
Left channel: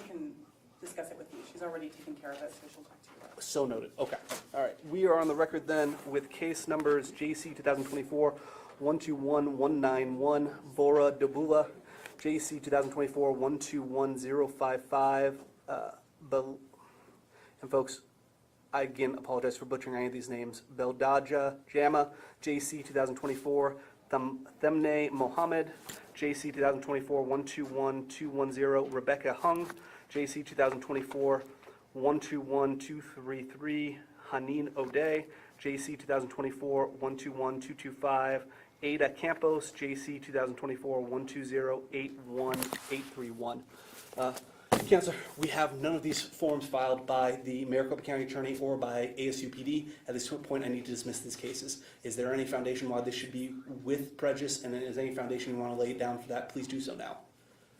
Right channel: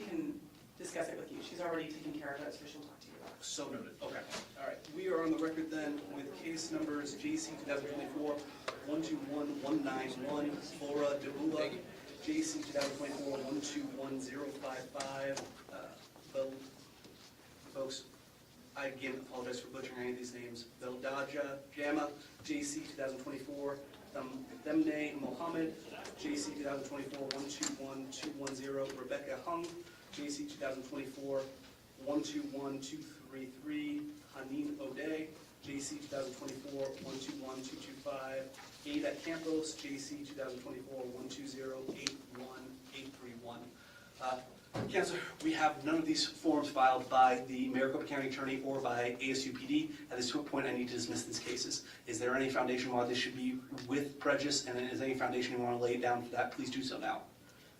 can discuss it with you. She's already taken care of it, so she'll talk to you about it. So noted. Okay. All right. We are on the record then with case numbers JC 2024-121191, Bora Dabula, JC 2024-121055. And folks, I again apologize for butchering any of these names. Beldaja Jama, JC 2024, Themne Mohammed, JC 2024-121210, Rebecca Hung, JC 2024-121233, Haneen O'Day, JC 2024-121225, Ada Campos, JC 2024-1208131. Counselor, we have none of these forms filed by the Maricopa County Attorney or by ASU PD. At this point, I need to dismiss these cases. Is there any foundation why this should be with prejudice, and is there any foundation you want to lay down for that? Please do so now.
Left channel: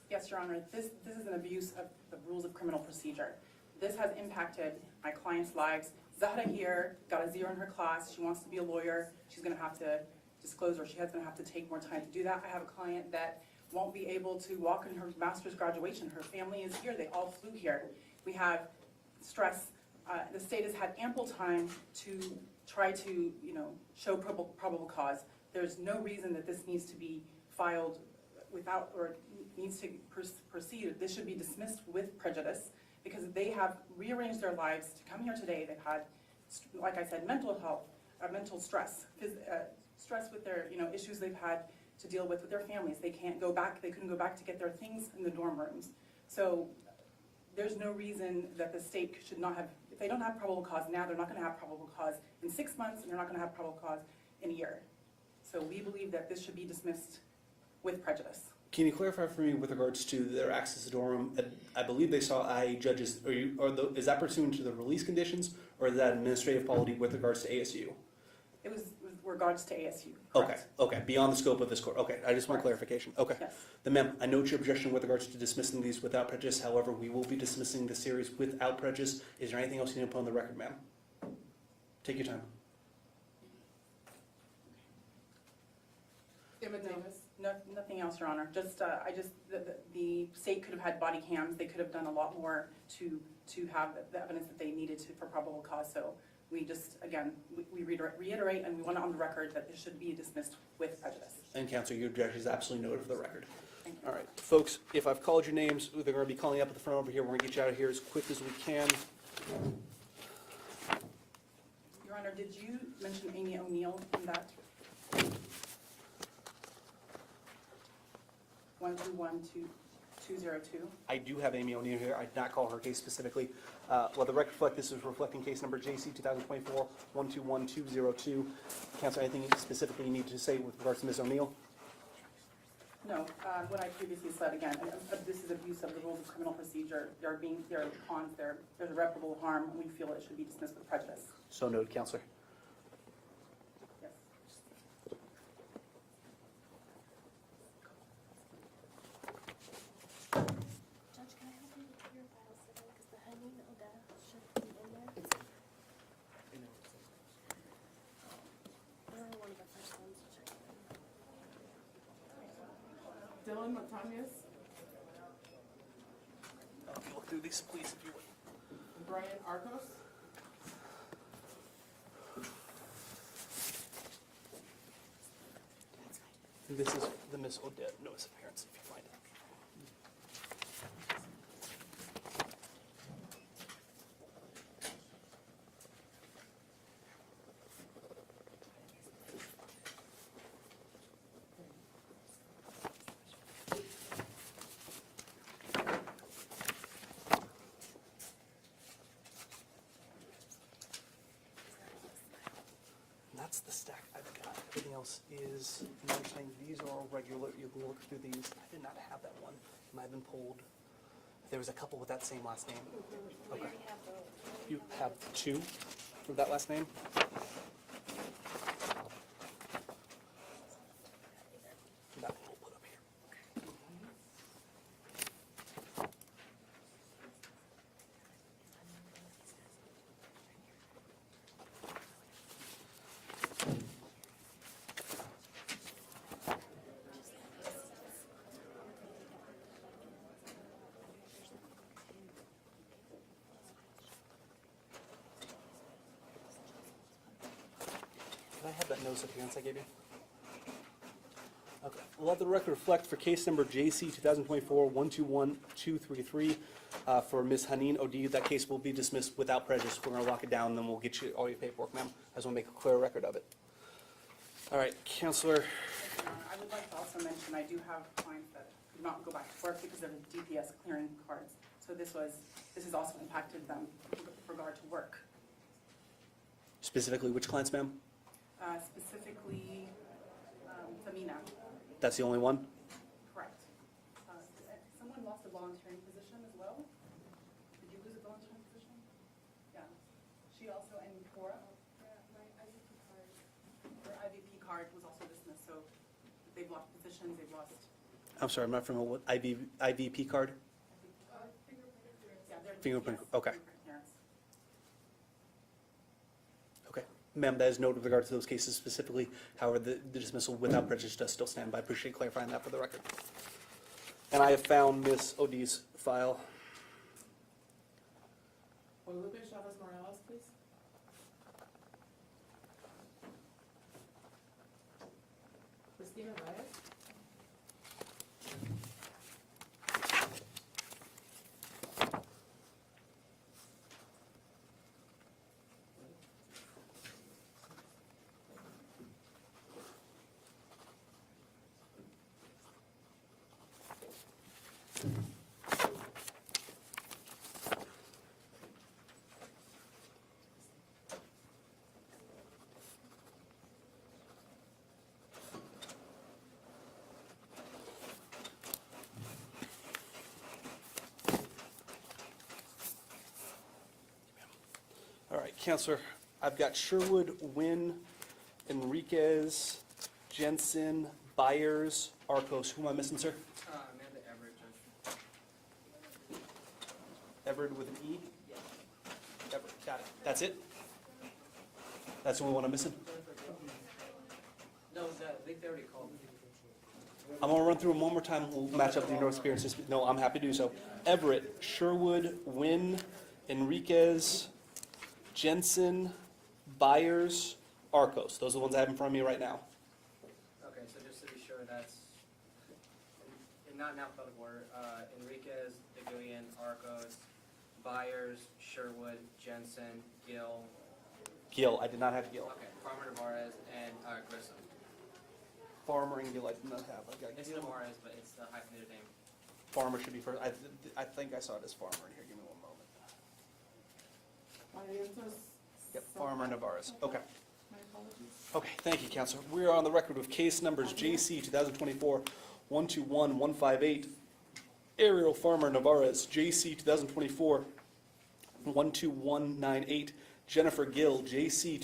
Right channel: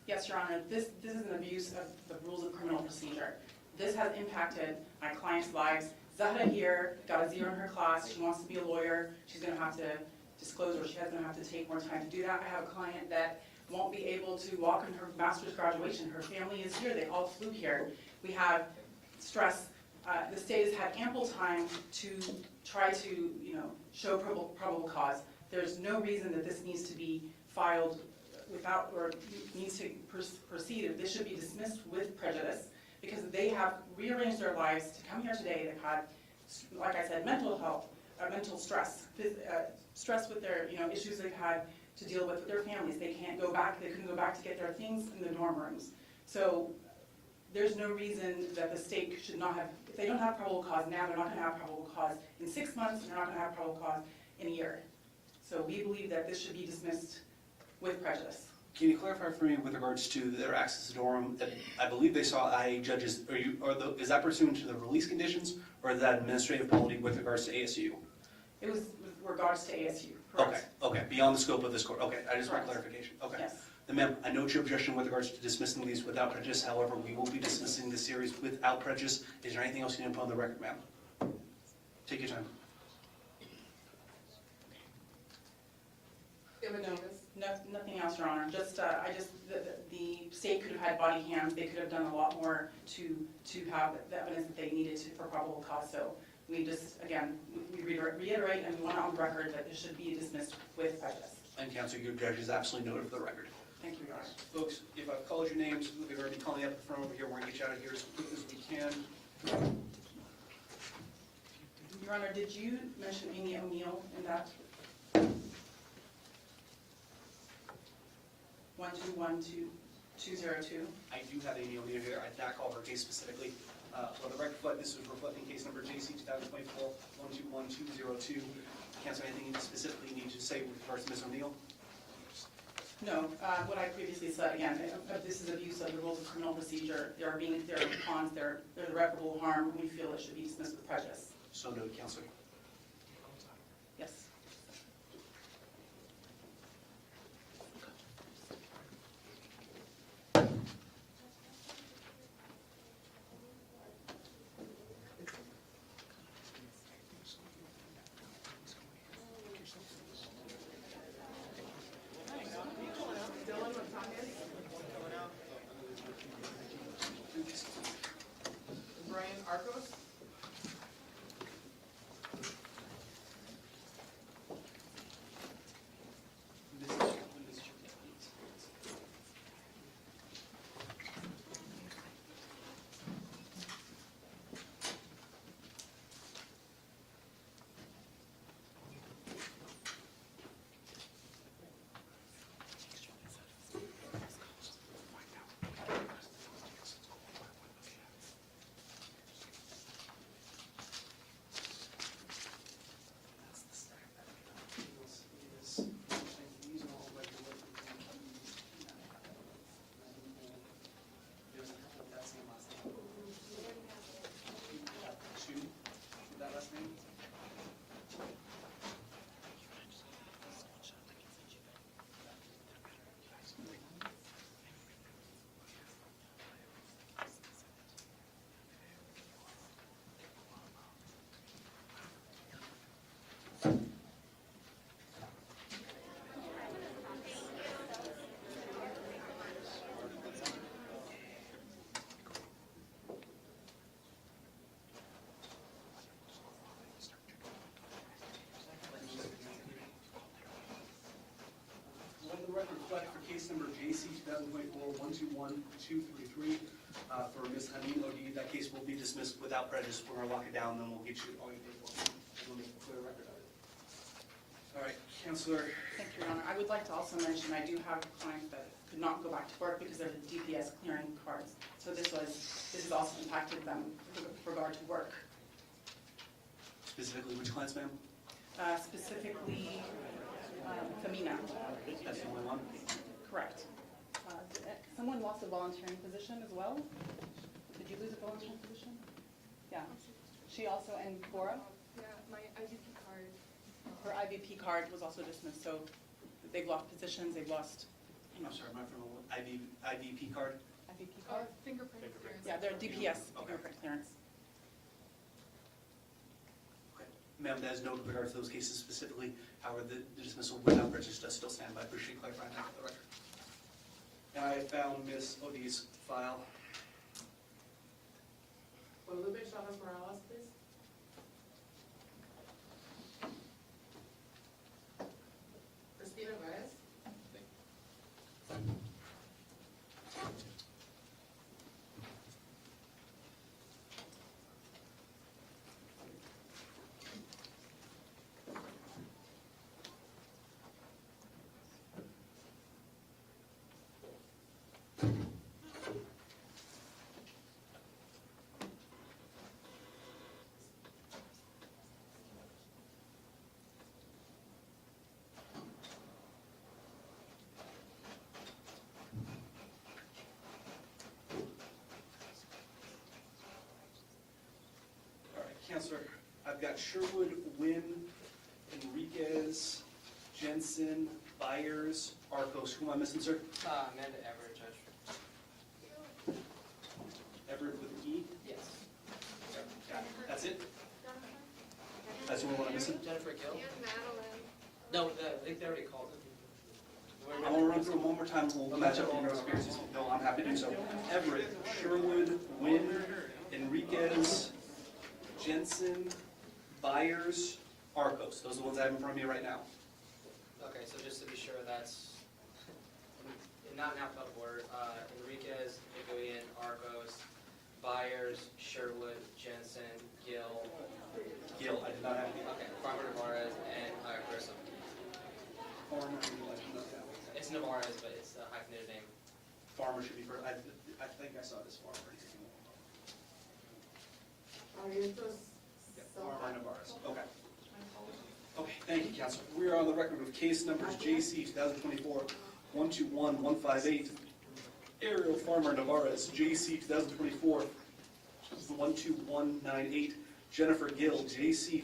Yes, Your Honor, this is an abuse of the rules of criminal procedure. This has impacted my clients' lives. Zahra here got a 0 in her class. She wants to be a lawyer. She's going to have to disclose, or she's going to have to take more time to do that. I have a client that won't be able to walk in her master's graduation. Her family is here. They all flew here. We have stress. The state has had ample time to try to, show probable cause. There's no reason that this needs to be filed without, or needs to proceed. This should be dismissed with prejudice because they have rearranged their lives to come here today. They've had, like I said, mental health, mental stress, stress with their, issues they've had to deal with their families. They can't go back. They couldn't go back to get their things in the dorm rooms. So there's no reason that the state should not have, if they don't have probable cause now, they're not going to have probable cause in 6 months, and they're not going to have probable cause in a year. So we believe that this should be dismissed with prejudice. Can you clarify for me with regards to their access to the dorm? I believe they saw IE judges. Is that pursuant to the release conditions, or is that administrative quality with regards to ASU? It was with regards to ASU. Okay, okay, beyond the scope of this court. Okay, I just want clarification. Okay. Yes. Then ma'am, I know your objection with regards to dismissing these without prejudice. However, we will be dismissing the series without prejudice. Is there anything else you need to put on the record, ma'am? Take your time. Nothing else, Your Honor. Just, the state could have had body cams. They could have done a lot more to have the evidence that they needed for probable cause. So we just, again, we reiterate and we want it on the record that this should be dismissed with prejudice. And counsel, your judge is absolutely noted for the record. Thank you. All right, folks, if I've called your names, they're going to be calling up at the front over here. We're going to get you out of here as quick as we can. Your Honor, did you mention Amy O'Neill in that? 121202. I do have Amy O'Neill here. I did not call her case specifically. Well, the record reflect this is reflecting case number JC 2024-121202. Counsel, anything specifically you need to say with regards to Ms. O'Neill? No, what I previously said, again, this is abuse of the rules of criminal procedure. They're cons, they're irreparable harm, and we feel it should be dismissed with prejudice. So noted, Counselor. Yes. Dylan, what time is? Do these, please. Brian Arcos? This is the Ms. Odette notice of appearance. That's the stack I've got. Everything else is, these are all regular, you'll be able to do these in been pulled. There was a couple with that same last name. Okay. You have two with that last name? Did I have that notice of appearance I gave you? Okay. We'll let the record reflect for case number JC 2024-121233 for Ms. Haneen Odi. That case will be dismissed without prejudice. We're going to lock it down, and then we'll get you all your paperwork, ma'am. I just want to make a clear record of it. All right, Counselor. Thank you, Your Honor. I would like to also mention, I do have clients that could not go back to work because of the DPS clearing cards. So this has also impacted them with regard to work. Specifically, which clients, ma'am? Specifically, Femina. That's the only one? Correct. Someone lost a volunteering position as well? Did you lose a volunteering position? Yeah. She also, and Cora? Yeah, my IVP card. Her IVP card was also dismissed, so they've lost positions, they've lost I'm sorry, I'm not familiar with IVP card? IVP Oh, card? fingerprint clearance. Yeah, they're Fingerprint, DPS, okay. fingerprint clearance. Ma'am, that is noted with regard to those cases specifically. However, the dismissal without prejudice does still stand by. I appreciate clarifying that for the record. And I have found Ms. Odi's file. Guadalupe Chavez Morales, please. Christina Reyes. All right, Counselor, I've got Sherwood, Wynn, Enriquez, Jensen, Byers, Arcos. Who am I missing, sir? Amanda Everett, Judge. Everett with an E? Yes. That's it? That's the only one I'm missing? Jennifer Gill? No, I think they already called it. I'm gonna run through them one more time. We'll match up the notes appearances. No, I'm happy to do so. Everett, Sherwood, Wynn, Enriquez, Jensen, Byers, Arcos. Those are the ones I have in front of me right now. Okay, so just to be sure, that's, not in alphabetical order, Enriquez, Iguian, Arcos, Byers, Sherwood, Jensen, Gill, Gill, I did not have Gill. okay, Farmer Navarez, and Grissom. Farmer and Gill, I did not have. Okay. It's Navarez, but it's the hyphenated name. Farmer should be first. I think I saw it as Farmer here. Give me one moment. Yep, Farmer Navarez. Okay. Okay, thank you, Counselor. We are on the record with case numbers JC 2024-121158, Ariel Farmer Navarez, JC 2024-12198, Jennifer Gill, JC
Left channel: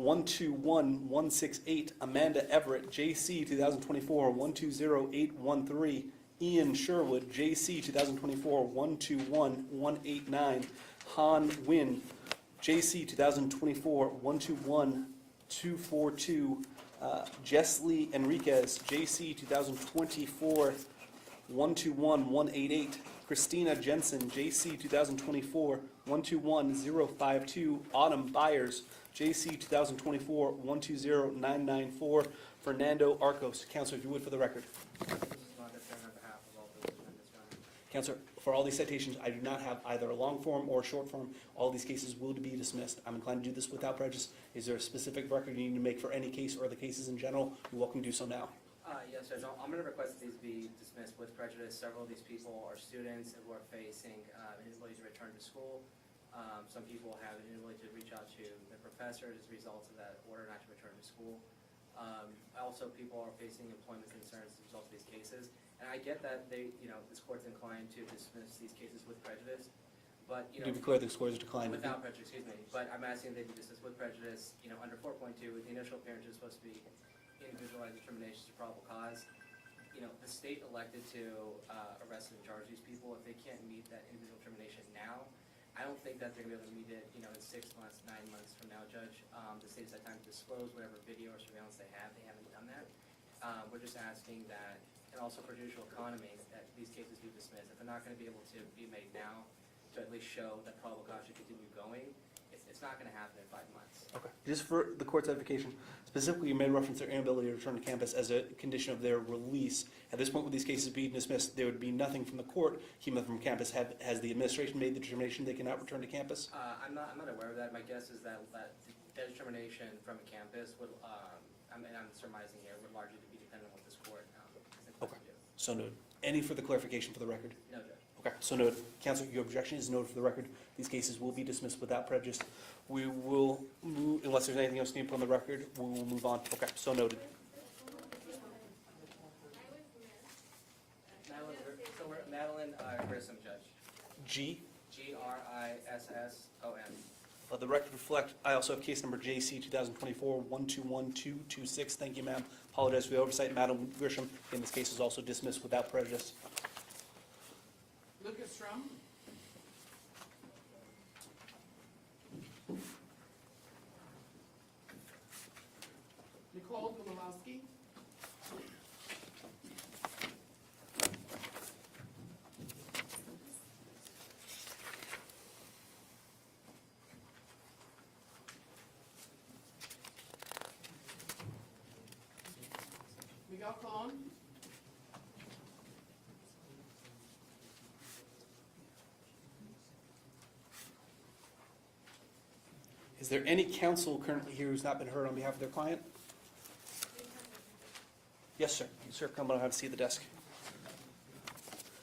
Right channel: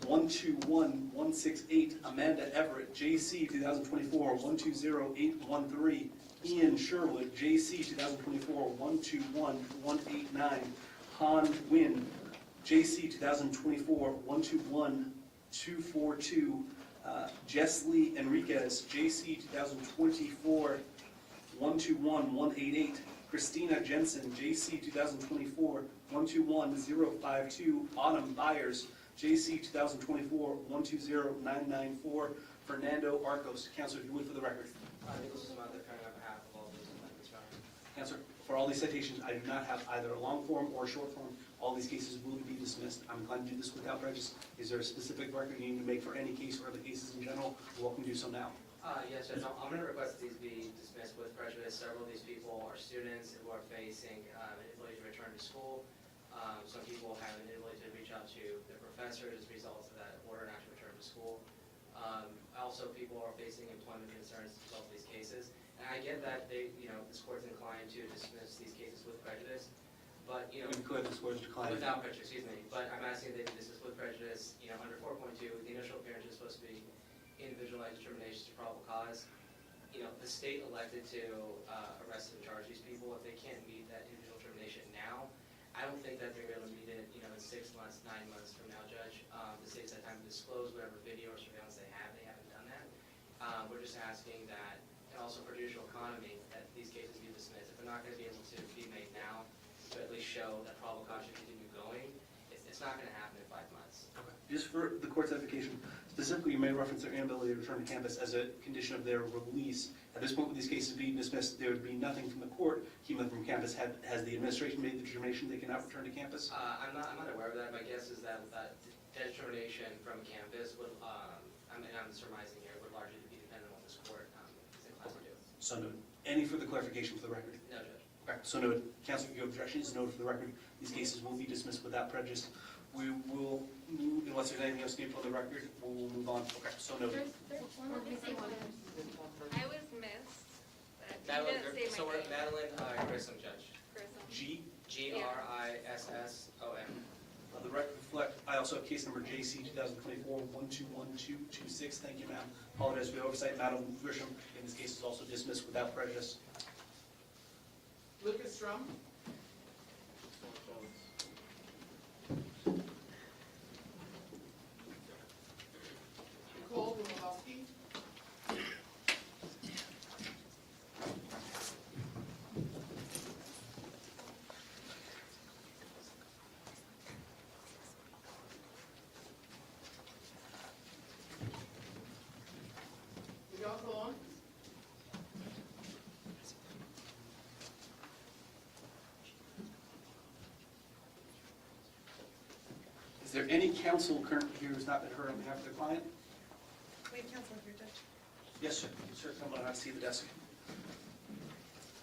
2024-121168, Amanda Everett, JC 2024-120813, Ian Sherwood, JC 2024-121189, Han Wynn, JC 2024-121242, Jesly Enriquez, JC 2024-121188, Christina Jensen, JC 2024-121052, Autumn Byers, JC 2024-120994, Fernando Arcos. Counselor, if you would for the record. This is not defending on behalf of all those amendments, Your Honor. Counselor, for all these citations, I do not have either a long form or a short form. All these cases will be dismissed. I'm inclined to do this without prejudice. Is there a specific record you need to make for any case or other cases in general? You're welcome to do so now. Yes, Judge, I'm going to request that these be dismissed with prejudice. Several of these people are students who are facing an inability to return to school. Some people have an inability to reach out to their professors as a result of that order not to return to school. Also, people are facing employment concerns as a result of these cases. And I I get that this court's inclined to dismiss these cases with prejudice, but, To be clear, this court is declining. without prejudice, excuse me, but I'm asking that they be dismissed with prejudice, under 4.2, the initial appearance is supposed to be individualized determinations of probable cause. The state elected to arrest and charge these people. If they can't meet that individual determination now, I don't think that they're going to be able to meet it, in 6 months, 9 months from now, Judge. The state's had time to disclose whatever video or surveillance they have. They haven't done that. We're just asking that, and also for judicial economy, that these cases be dismissed. If they're not going to be able to be made now, to at least show that probable cause should continue going, it's not going to happen in 5 months. Just for the court's edification, specifically, you made reference to their inability to return to campus as a condition of their release. At this point, with these cases being dismissed, there would be nothing from the court keeping them from campus. Has the administration made the determination they cannot return to campus? I'm not aware of that. My guess is that determination from campus would, and I'm surmising here, would largely be dependent on this court. Is inclined to do. So noted. Any further clarification for the record? No, Judge. Okay, so noted. Counsel, your objection is noted for the record. These cases will be dismissed without prejudice. We will move, unless there's anything else needed put on the record, we will move on. Okay, so noted. I was missed, but you Madeline, didn't say so my we're name. Madeline Grissom, Judge. G. Grissom. The record reflect, I also have case number JC 2024-121226. Thank you, ma'am. Apologize for the oversight. Madam Grisham, and this case is also dismissed without prejudice. Lucas Strum. Nicole Gomolowski. Miguel Colon. Is there any counsel currently here who's not been heard on behalf of their client? Wait, counsel, here, Judge. Yes, sir. Sir, come on out to see the desk.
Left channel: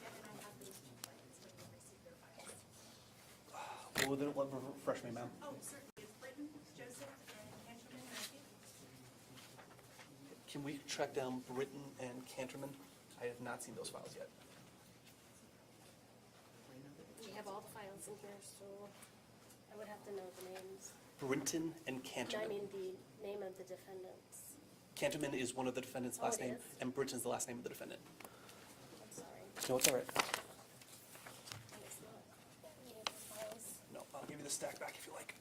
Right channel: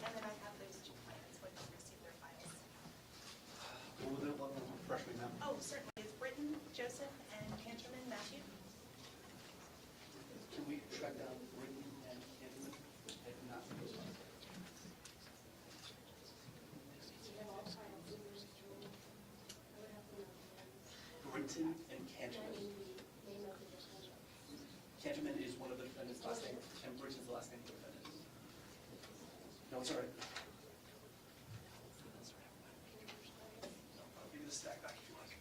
And then I have those two clients when they receive their files. One freshman, ma'am. Oh, certainly. It's Britton, Joseph, and Canterman Matthew. Can we track down Britton and Canterman? I have not seen those files yet. We have all the files in there, so I would have to know the names. Britton and I Canterman. mean, the name of the defendants. Canterman is one of the defendant's Oh, last it name, is? and Britton's the last name of the defendant. I'm sorry. No, it's all right. No, I'll give you the stack back if you like.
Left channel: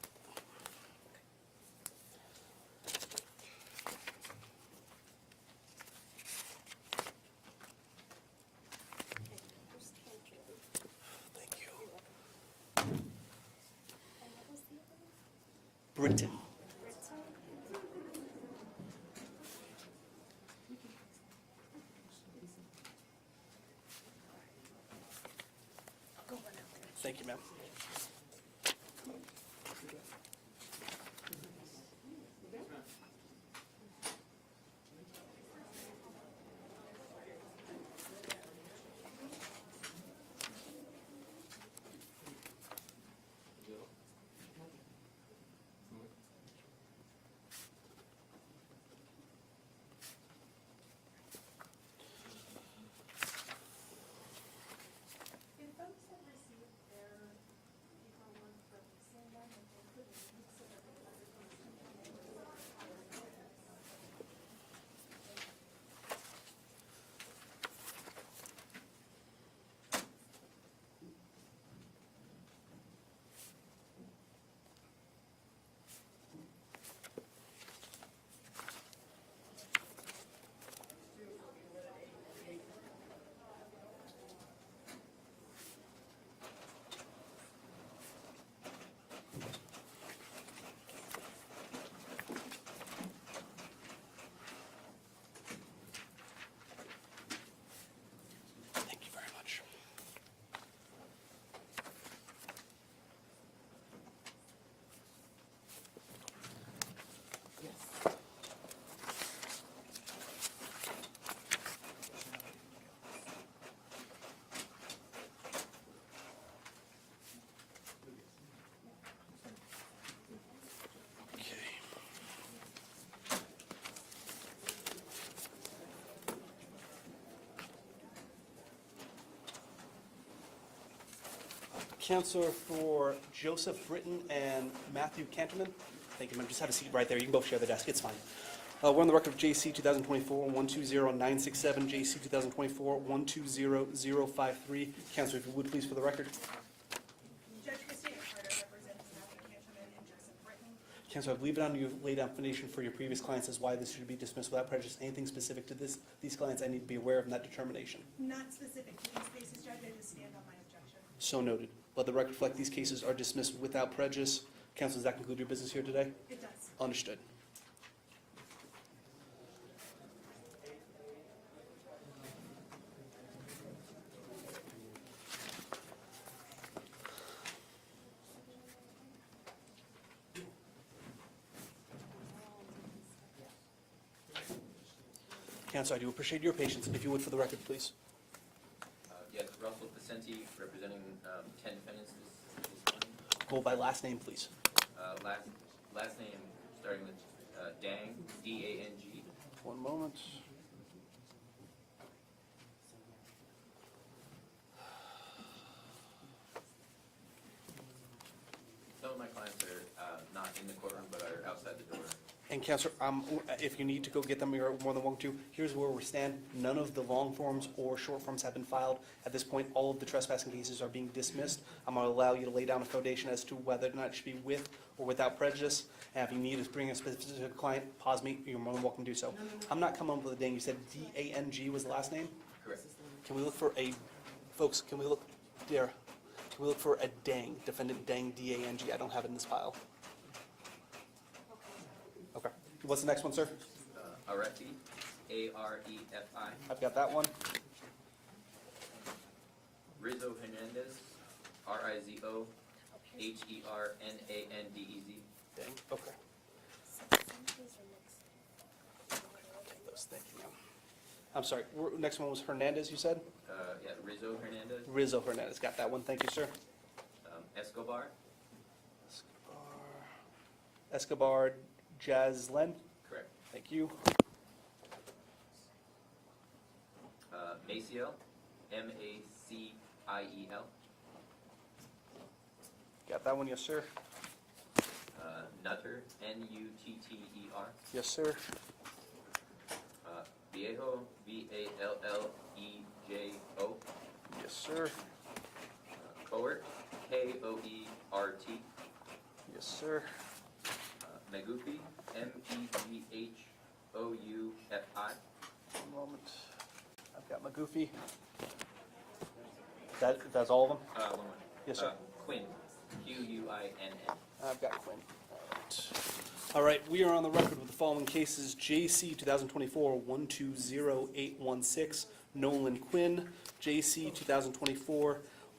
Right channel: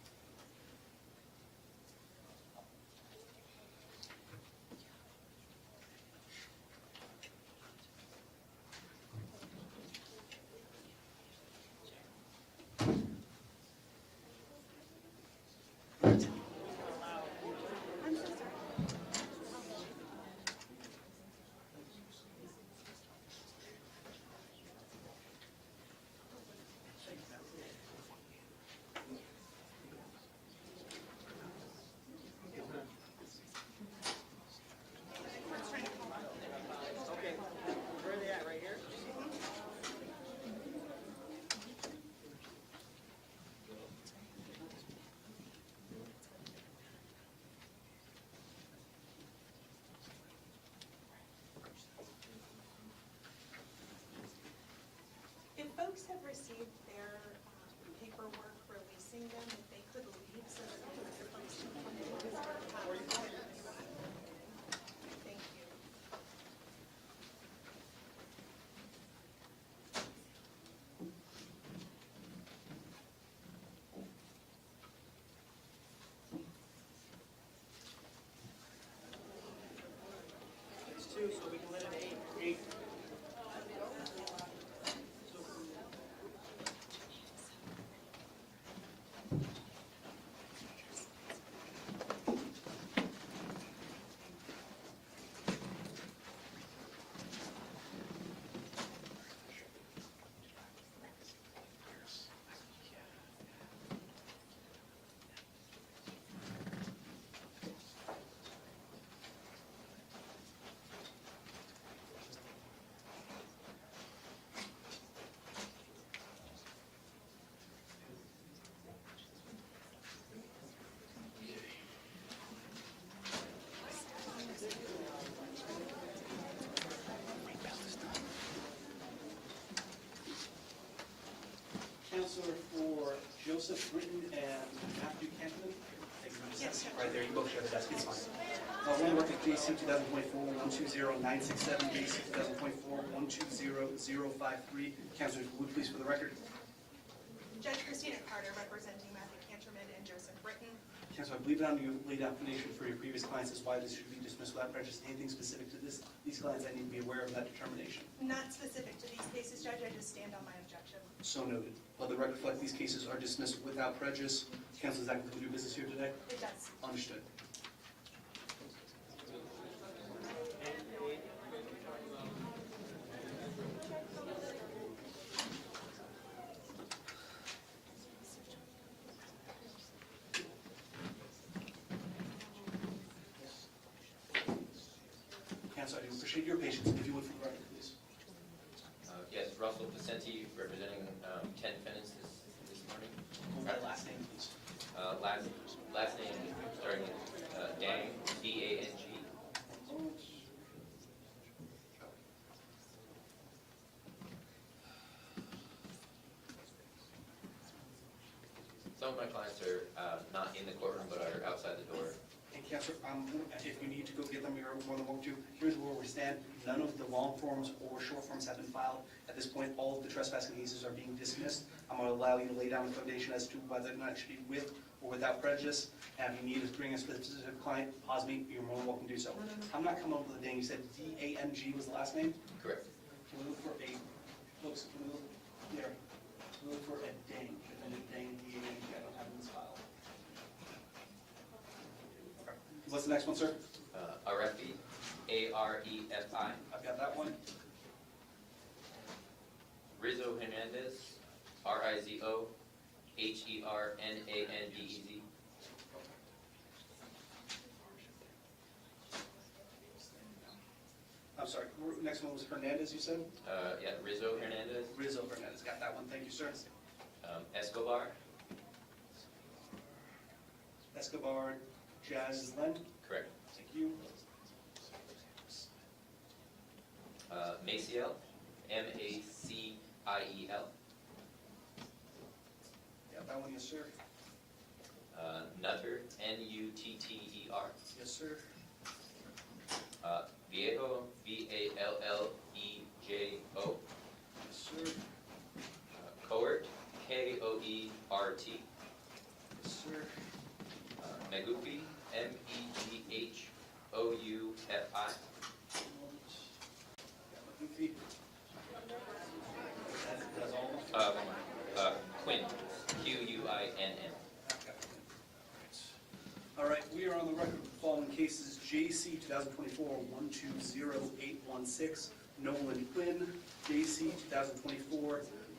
Thank you. Britton. Thank you, ma'am. Okay. Where are they at, right here? If folks have received their paperwork releasing them, if they could leave so that the other folks can come in. Thank you. It's two, so we can let it eight. Thank you very much. Counselor for Joseph Britton and Matthew Canterman. Thank you, ma'am. Just have a seat right there. You can both share the desk. It's fine. We're on the record of JC 2024-120967, JC 2024-120053. Counselor, if you would please for the record. Judge Christina Carter representing Matthew Canterman and Joseph Britton. Counselor, I believe it on you laid out explanation for your previous clients as why this should be dismissed without prejudice. Anything specific to these clients I need to be aware of in that determination? Not specific to these cases, Judge, I just stand on my objection. So noted. Let the record reflect these cases are dismissed without prejudice. Counsel, does that conclude your business here today? It does. Understood. Counsel, I do appreciate your patience. If you would, for the record, please. Yes, Russell Vicente, representing 10 defendants this morning. Hold by last name, please. Last name starting with Dang, D-A-N-G. 1 moment. Some of my clients are not in the courtroom but are outside the door. And Counselor, if you need to go get them, you're more than welcome to. Here's where we stand. None of the long forms or short forms have been filed. At this point, all of the trespassing cases are being dismissed. I'm going to allow you to lay down a foundation as to whether or not it should be with or without prejudice. And if you need to bring a specific client, pause me, you're more than welcome to do so. I'm not coming up with a dang. You said D-A-N-G was the last name? Correct. Can we look for a, folks, can we look, there, can we look for a Dang, defendant Dang, D-A-N-G? I don't have it in this file. Okay. What's the next one, sir? Arefi, A-R-E-F-I. I've got that one. Rizzo Hernandez, R-I-Z-O-H-E-R-N-A-N-D-E-Z. Dang, okay. Yes, thank you. I'm sorry, next one was Hernandez, you said? Yeah, Rizzo Hernandez. Rizzo Hernandez, got that one, thank you, sir. Escobar, Escobar Jazlend, correct. thank you. Maciel, M-A-C-I-E-L. Got that one, yes, sir. Nutter, N-U-T-T-E-R. Yes, sir. Viejo, V-A-L-L-E-J-O. Yes, sir. Coert, K-O-E-R-T. Yes, sir. Megufi, M-E-G-H-O-U-F-I. One moment. I've got my goofy. That's all of them? Yes, sir. Quinn, Q-U-I-N-N. I've got Quinn. All right, we are on the record with the following cases. JC 2024-120816, Nolan Quinn. JC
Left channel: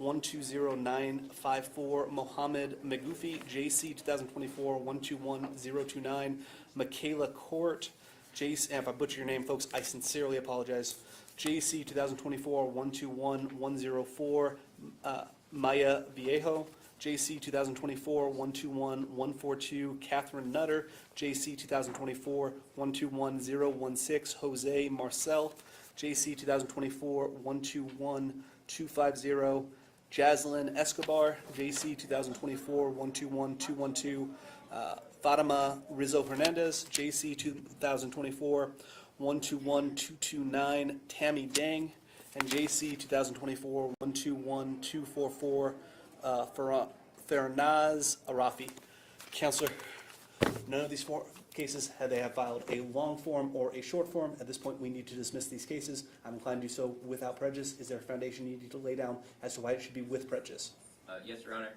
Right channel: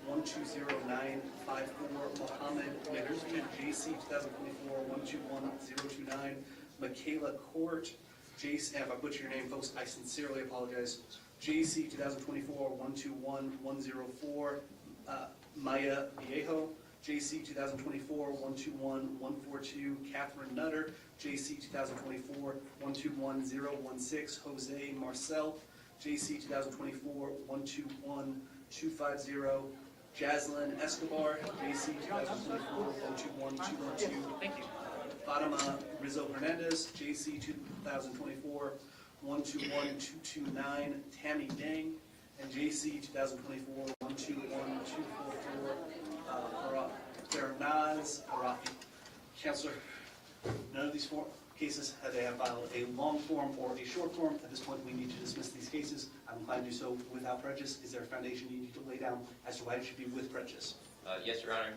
2024-120954, Mohammed Megufi. JC 2024-121029, Michaela Court. JC, and if I butcher your name, folks, I sincerely apologize. JC 2024-121104, Maya Viejo. JC 2024-121142, Catherine Nutter. JC 2024-121016, Jose Marcel. JC 2024-121250, Jazlyn Escobar. JC 2024-121212, Fatima Rizzo Hernandez. JC 2024-121229, Tammy Dang. And JC 2024-121244, Fernaz Arafi. Counselor, none of these cases have filed a long form or a short form. At this point, we need to dismiss these cases. I'm inclined to do so without prejudice. Is there a foundation you need to lay down as to why it should be with prejudice? Yes, Your Honor.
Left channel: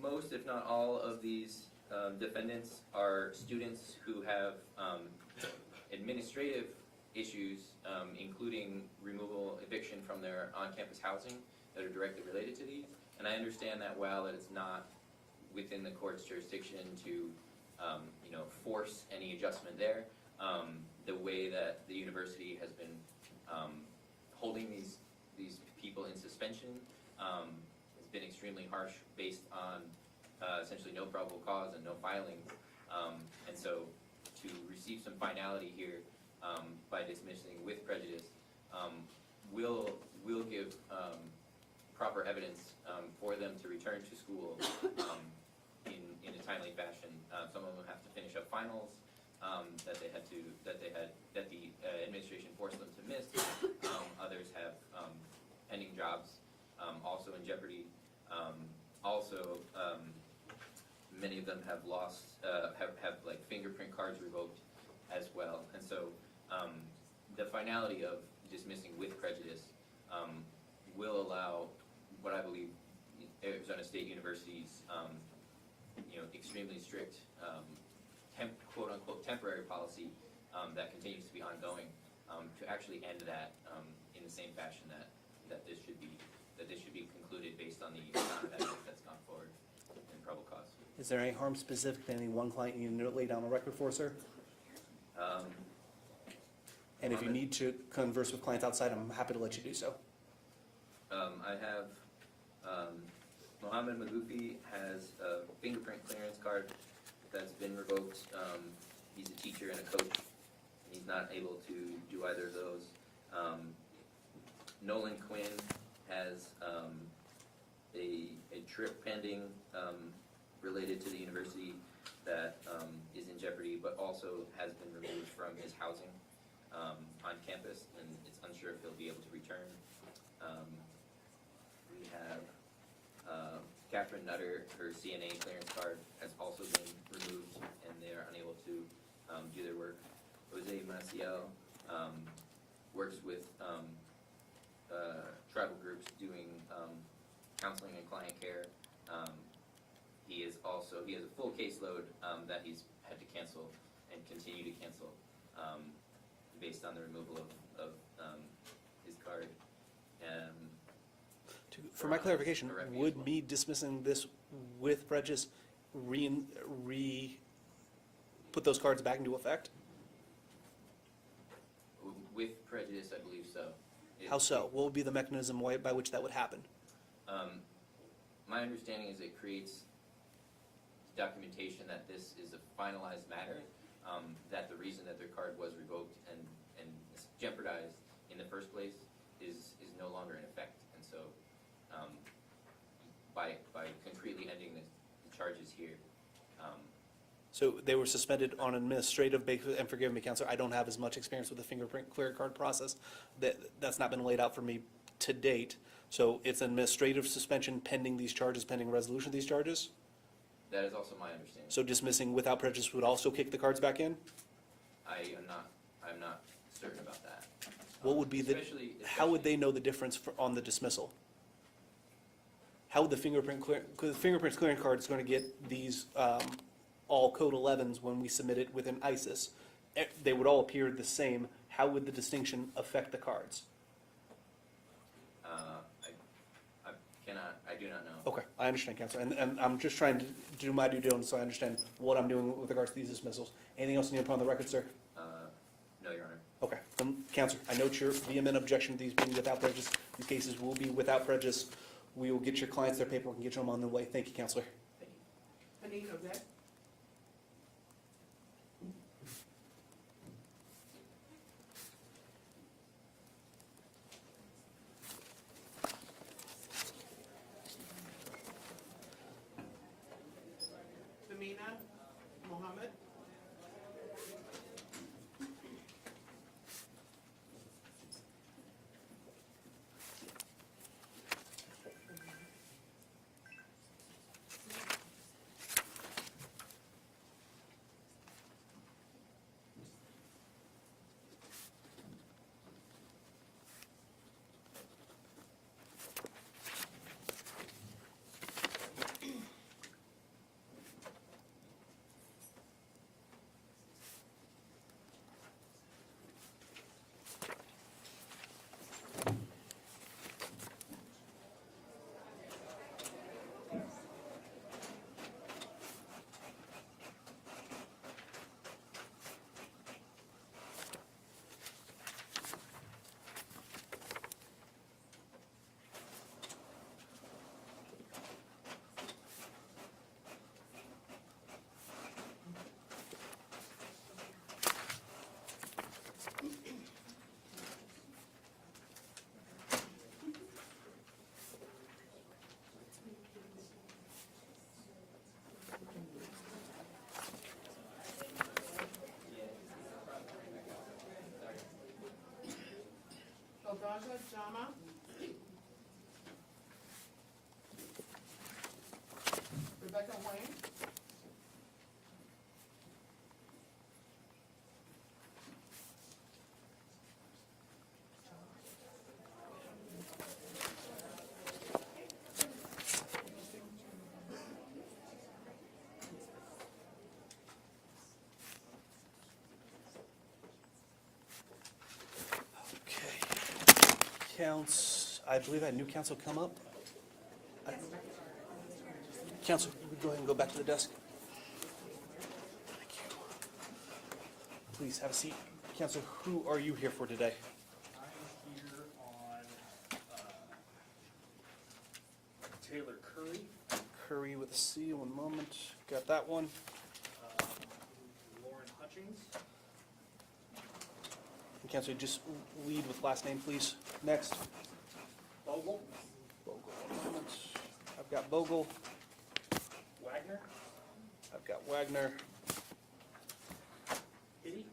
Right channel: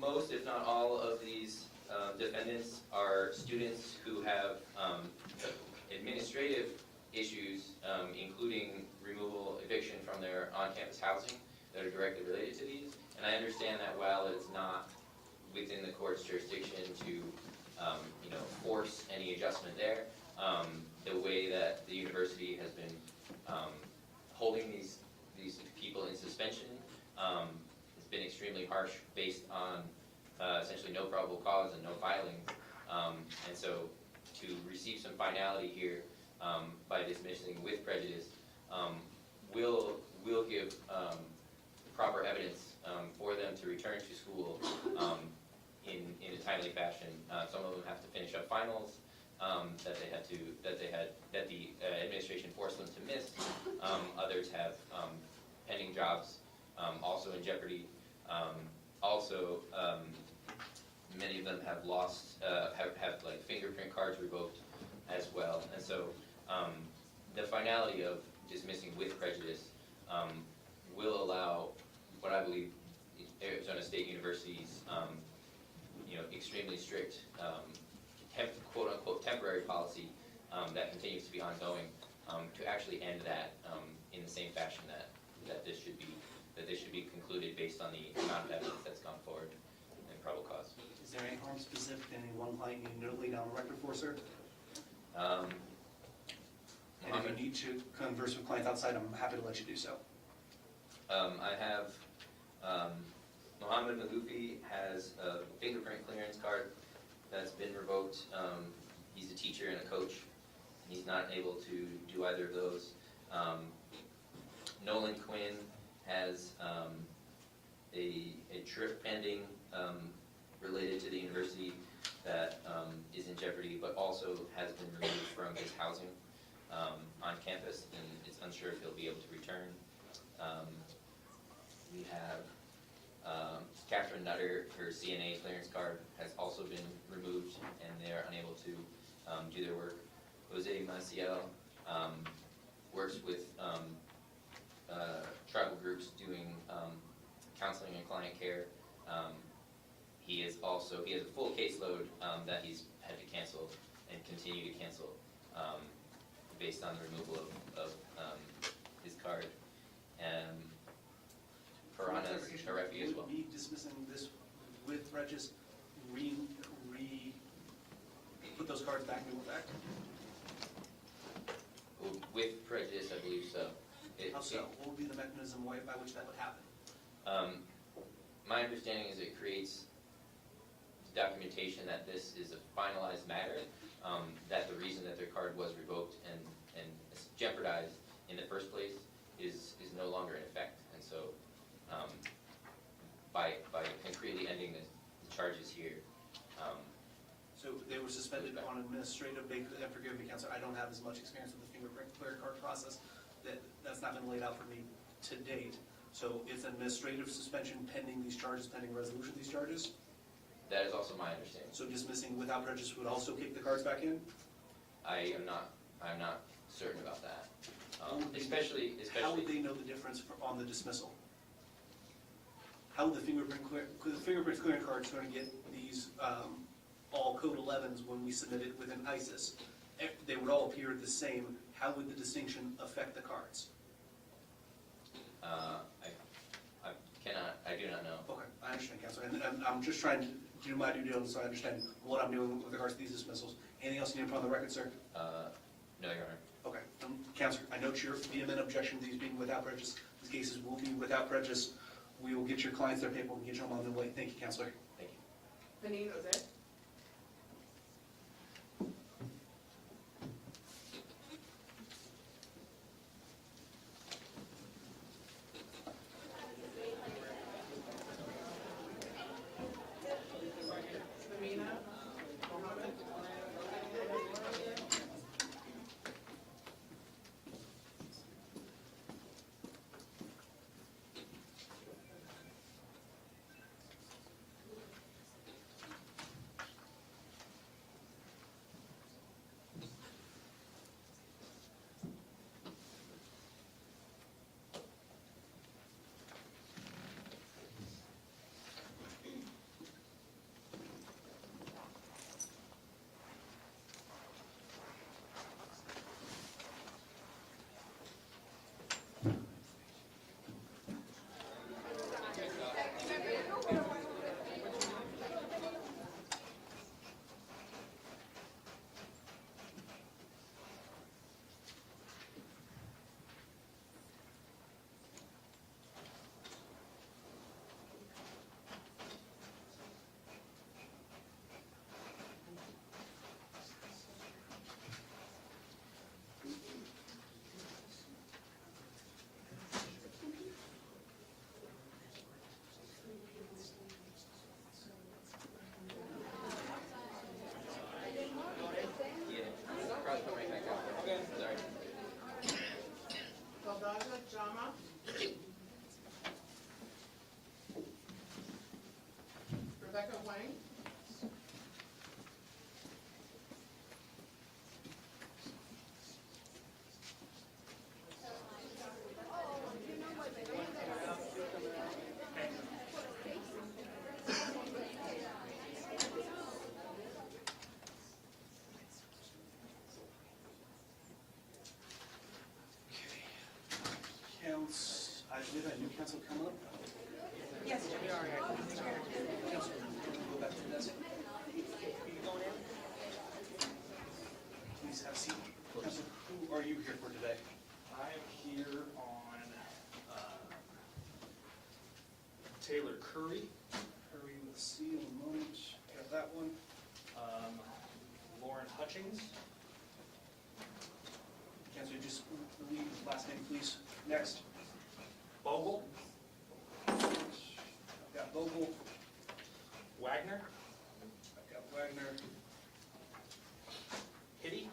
Most, if not all, of these defendants are students who have administrative issues, including removal, eviction from their on-campus housing that are directly related to these. And I understand that while it's not within the court's jurisdiction to, force any adjustment there, the way that the university has been holding these people in suspension has been extremely harsh, based on essentially no probable cause and no filing. And so to receive some finality here by dismissing with prejudice will give proper evidence finals, that the administration forced them to miss. Others have pending jobs, also in jeopardy. Many of them have lost, have like fingerprint cards revoked as well. And so the finality of dismissing with prejudice will allow what I believe Arizona State University's extremely strict quote-unquote temporary policy that continues to be ongoing to actually end that in the same fashion that this should be concluded based on the amount of evidence that's gone forward and probable cause. Is there any harm specific to any one client you need to lay down a record for, sir? And if you need to converse with clients outside, I'm happy to let you do so. I have, Mohammed Magoufi has a fingerprint clearance card that's been revoked. He's a teacher and a coach. He's not able to do either of those. Nolan Quinn has a trip pending related to the university that is in jeopardy, but also has been removed from his housing on campus, and it's unsure if he'll be able to return. We have Catherine Nutter, her CNA clearance card has also been removed, and they're unable to do their work. Jose Maciel works with tribal groups doing counseling and client care. He has a full caseload that he's had to cancel and continue to cancel based on the removal of his card. For my clarification, would me dismissing this with prejudice put those cards back into effect? With prejudice, I believe so. How so? What would be the mechanism by which that would happen? My understanding is it creates documentation that this is a finalized matter, that the reason that their card was revoked and jeopardized in the first place is no longer in effect. And so by concretely ending the charges here. So they were suspended on administrative basis, and forgive me, Counselor, I don't have as much experience with the fingerprint clear card process. That's not been laid out for me to date. So it's an administrative suspension pending these charges, pending resolution of these charges? That is also my understanding. So dismissing without prejudice would also kick the cards back in? I'm not certain about that. What would be how would they know the difference on the dismissal? How would the fingerprint clearing card is going to get these all code 11s when we submit it within ISIS? They would all appear the same. How would the distinction affect the cards? I do not know. Okay, I understand, Counselor, and I'm just trying to do my due diligence so I understand what I'm doing with regards to these dismissals. Anything else you need to put on the record, sir? No, Your Honor. Okay, Counselor, I note your vehement objection to these being without prejudice. These cases will be without prejudice. We will get your clients their paperwork and get them on their way. Thank you, Counselor. Thank you. Benito, Jose? Lama. Rebecca Wang. Okay. Counts, I believe that new council come up. Yes, Council, go ahead and go back to the desk. Please have a seat. Council, who are you here for today? I'm here on Taylor Curry, Curry with a C, one moment. Got that one. Lauren Hutchings, Council, just lead with last name, please. Next. Bogle, I've got Bogle. Wagner, I've got Wagner Hitty,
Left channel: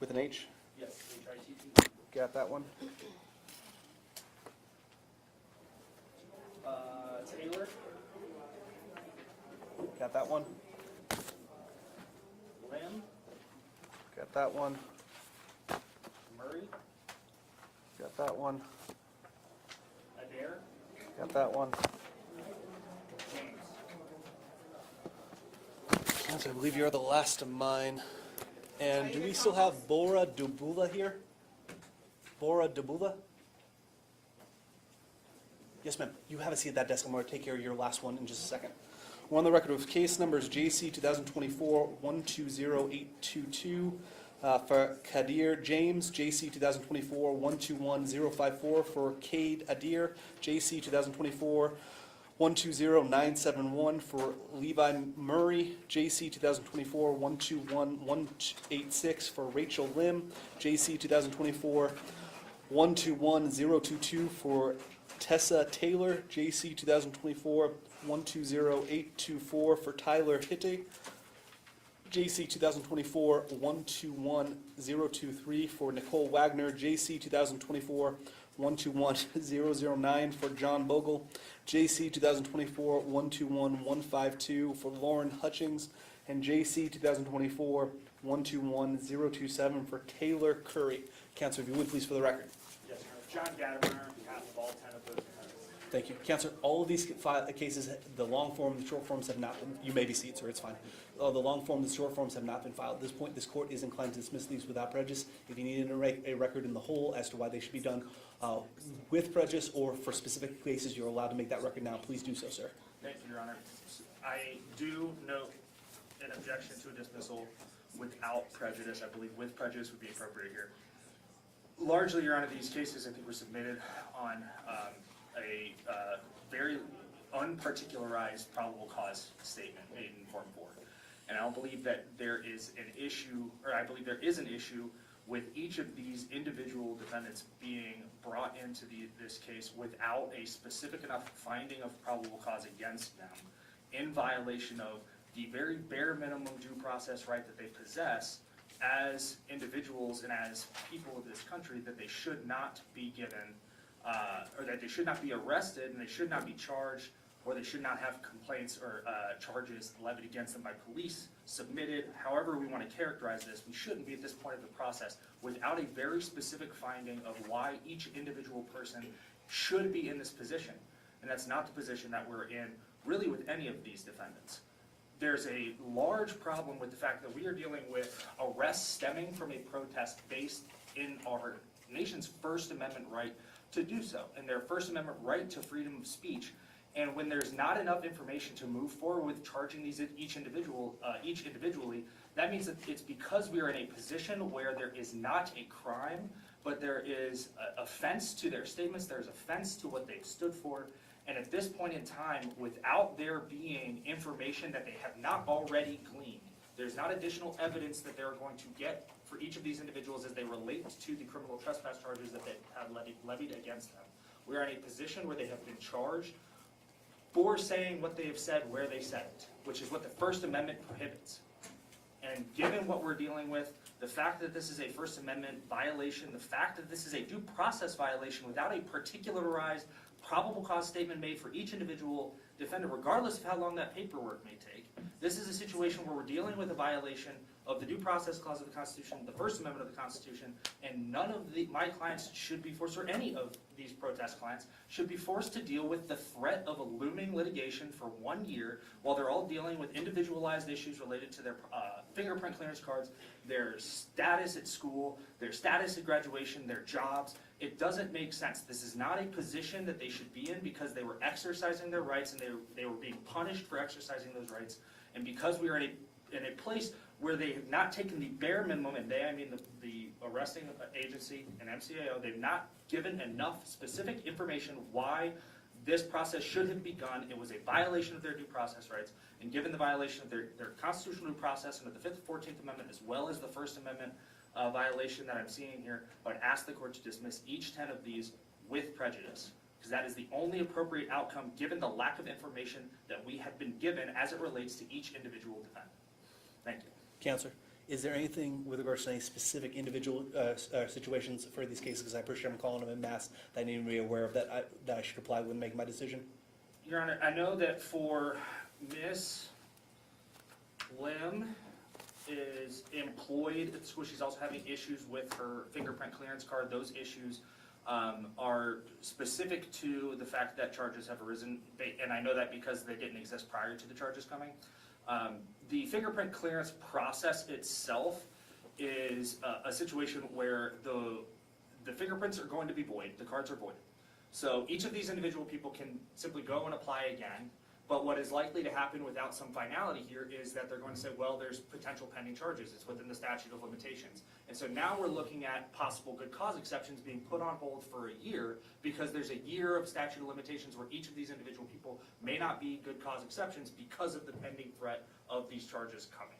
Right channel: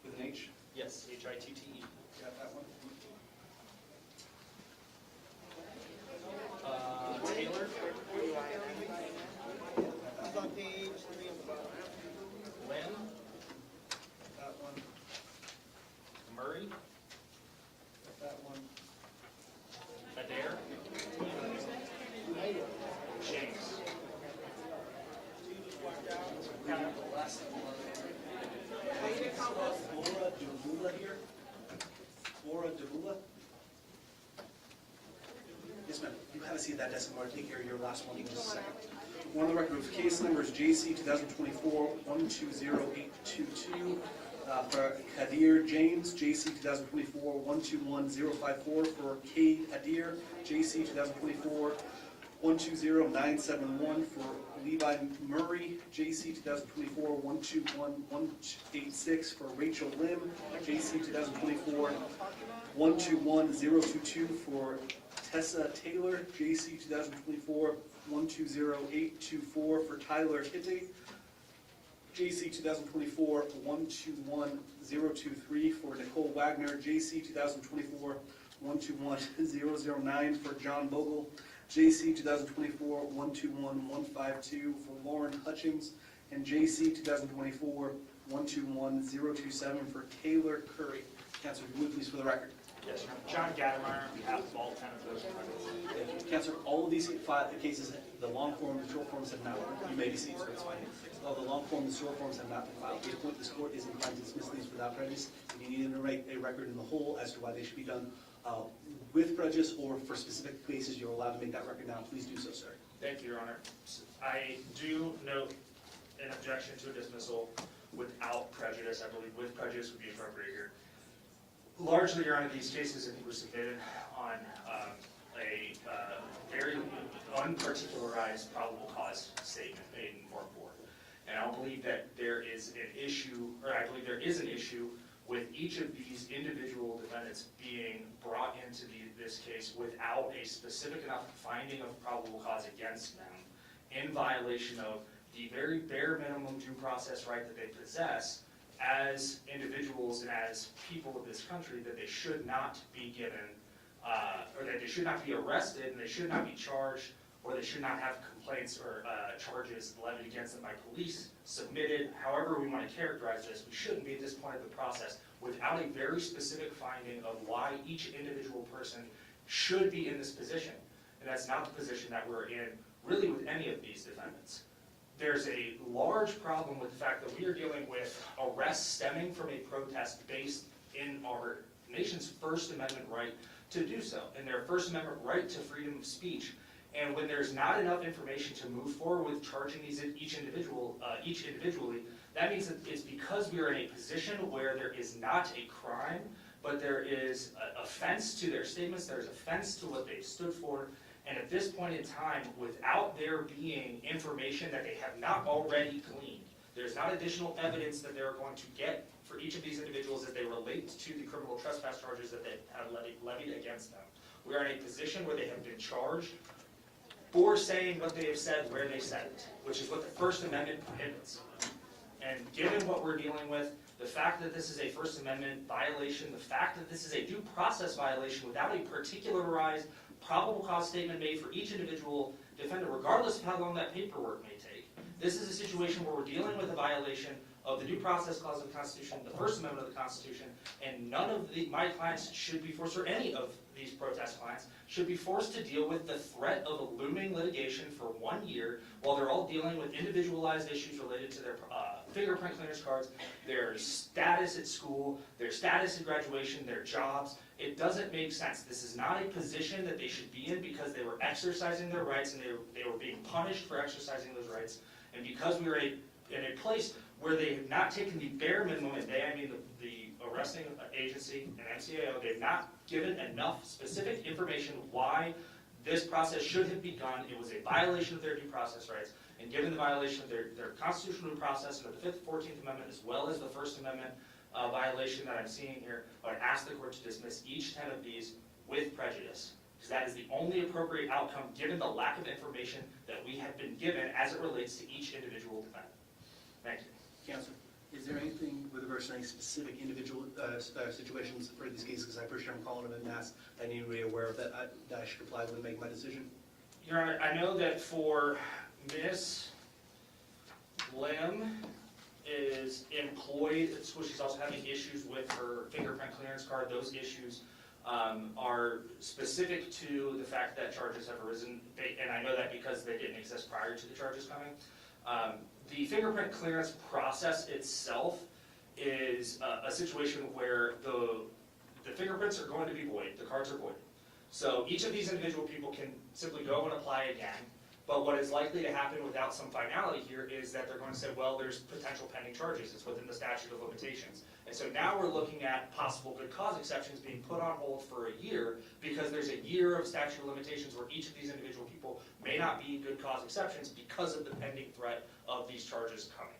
with an H. yes, H-I-T-T-E, Got that one. Taylor, Got that one. Lynn, Got that one. Murray, Got that one. Adair, Got that one. James. Council, I believe you're the last of mine. And do we still have Bora Dubula here? Bora Dubula? Yes, ma'am. You have a seat at that desk. I'm going to take care of your last one in just a second. We're on the record with case numbers JC 2024-120822 for Kadir James, JC 2024-121054 for Cade Adir, JC 2024-120971 for Levi Murray, JC 2024-121186 for Rachel Lim, JC 2024-121022 for Tessa Taylor, JC 2024-120824 for Tyler Hitte, JC 2024-121023 for Nicole Wagner, JC 2024-121009 for John Bogle, JC 2024-121152 for Lauren Hutchings, and JC 2024-121027 for Taylor Curry. Councilor, if you would please for the record. Yes, Your Honor. John Gattemeyer on behalf of all 10 of those defendants. Thank you. Councilor, all of these cases, the long form, the short forms have not, you may be seated, sir, it's fine. The long form, the short forms have not been filed. At this point, this court is inclined to dismiss these without prejudice. If you need to write a record in the whole as to why they should be done with prejudice or for specific cases, you're allowed to make that record now. Please do so, sir. Thank you, Your Honor. I do note an objection to a dismissal without prejudice. I believe with prejudice would be appropriate here. Largely, Your Honor, these cases I think were submitted on a very unparticularized probable cause statement in Form 4. And I don't believe that there is an issue, or I believe there is an issue with each of these individual defendants being brought into this case without a specific enough finding of probable cause against them in violation of the very bare minimum due process right that they possess as individuals and as people of this country, that they should not be given, or that they should not be arrested and they should not be charged, or they should not have complaints or charges levied against them by police submitted. However we want to characterize this, we shouldn't be at this point of the process without a very specific finding of why each individual person should be in this position. And that's not the position that we're in really with any of these defendants. There's a large problem with the fact that we are dealing with arrests stemming from a protest based in our nation's First Amendment right to do so, and their First Amendment right to freedom of speech. And when there's not enough information to move forward with charging these each individually, that means that it's because we are in a position where there is not a crime, but there is offense to their statements, there's offense to what they've stood for. And at this point in time, without there being information that they have not already gleaned, there's not additional evidence that they're going to get for each of these individuals as they relate to the criminal trespass charges that they have levied against them. We are in a position where they have been charged for saying what they have said where they said it, which is what the First Amendment prohibits. And given what we're dealing with, The fact that this is a First Amendment violation, the fact that this is a due process violation without a particularized probable cause statement made for each individual defendant, regardless of how long that paperwork may take. This is a situation where we're dealing with a violation of the Due Process Clause of the Constitution, the First Amendment of the Constitution, and none of my clients should be forced, or any of these protest clients, should be forced to deal with the threat of a looming litigation for 1 year while they're all dealing with individualized issues related to their fingerprint clearance cards, their status at school, their status at graduation, their jobs. It doesn't make sense. This is not a position that they should be in because they were exercising their rights and they were being punished for exercising those rights. And because we are in a place where they have not taken the bare minimum, and they, I mean the arresting agency and MCAO, they've not given enough specific information why this process should have begun. It was a violation of their due process rights, and given the violation of their constitutional due process and of the 5th and 14th Amendment, as well as the First Amendment violation that I'm seeing here, I would ask the court to dismiss each 10 of these with prejudice, because that is the only appropriate outcome given the lack of information that we have been given as it relates to each individual defendant. Thank you. Counselor, is there anything with regards to any specific individual situations for these cases? Because I appreciate I'm calling them en masse that I need to be aware of that I should apply when making my decision. Your Honor, I know that for Ms. Lim is employed at school, she's also having issues with her fingerprint clearance card. Those issues are specific to the fact that charges have arisen, and I know that because they didn't exist prior to the charges coming. The fingerprint clearance process itself is a situation where the fingerprints are going to be void, the cards are void. So each of these individual people can simply go and apply again, but what is likely to happen without some finality here is that they're going to say, well, there's potential pending charges, it's within the statute of limitations. And so now we're looking at possible good cause exceptions being put on hold for a year because there's a year of statute of limitations where each of these individual people may not be good cause exceptions because of the pending threat of these charges coming.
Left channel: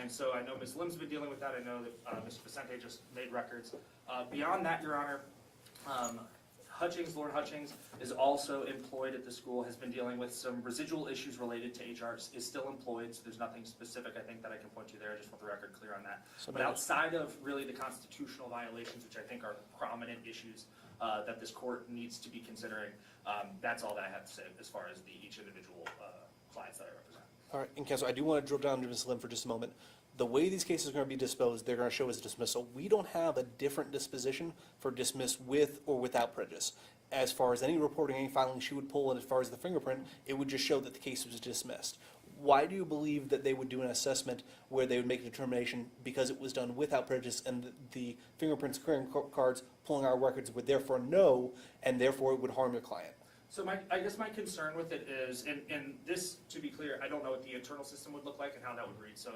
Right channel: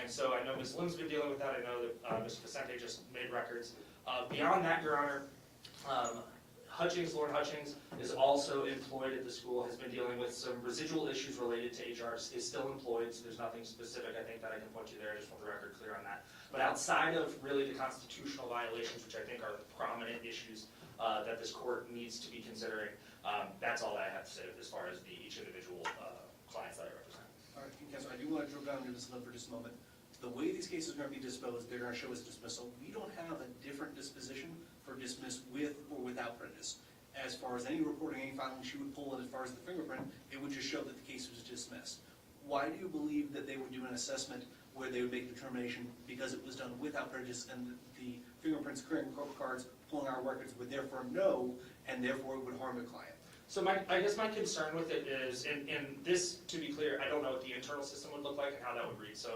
And so I know Ms. Lim's been dealing with that. I know that Ms. Vicente just made records. Beyond that, Your Honor, Lauren Hutchings is also employed at the school, has been dealing with some residual issues related to HR, is still employed, so there's nothing specific I think that I can point you there. I just want the record clear on that. But outside of really the constitutional violations, which I think are the prominent issues that this court needs to be considering, that's all that I have to say as far as each individual clients that I represent. All right, and Counselor, I do want to drill down to Ms. Lim for just a moment. The way these cases are going to be disposed, they're going to show as dismissal. We don't have a different disposition for dismiss with or without prejudice. As far as any reporting, any filing she would pull, and as far as the fingerprint, it would just show that the case was dismissed. Why do you believe that they would do an assessment where they would make a determination because it was done without prejudice and the fingerprints, clearing cards, pulling our records would therefore know, and therefore it would harm your client? So I guess my concern with it is, and this, to be clear, I don't know what the internal system would look like and how that would read, so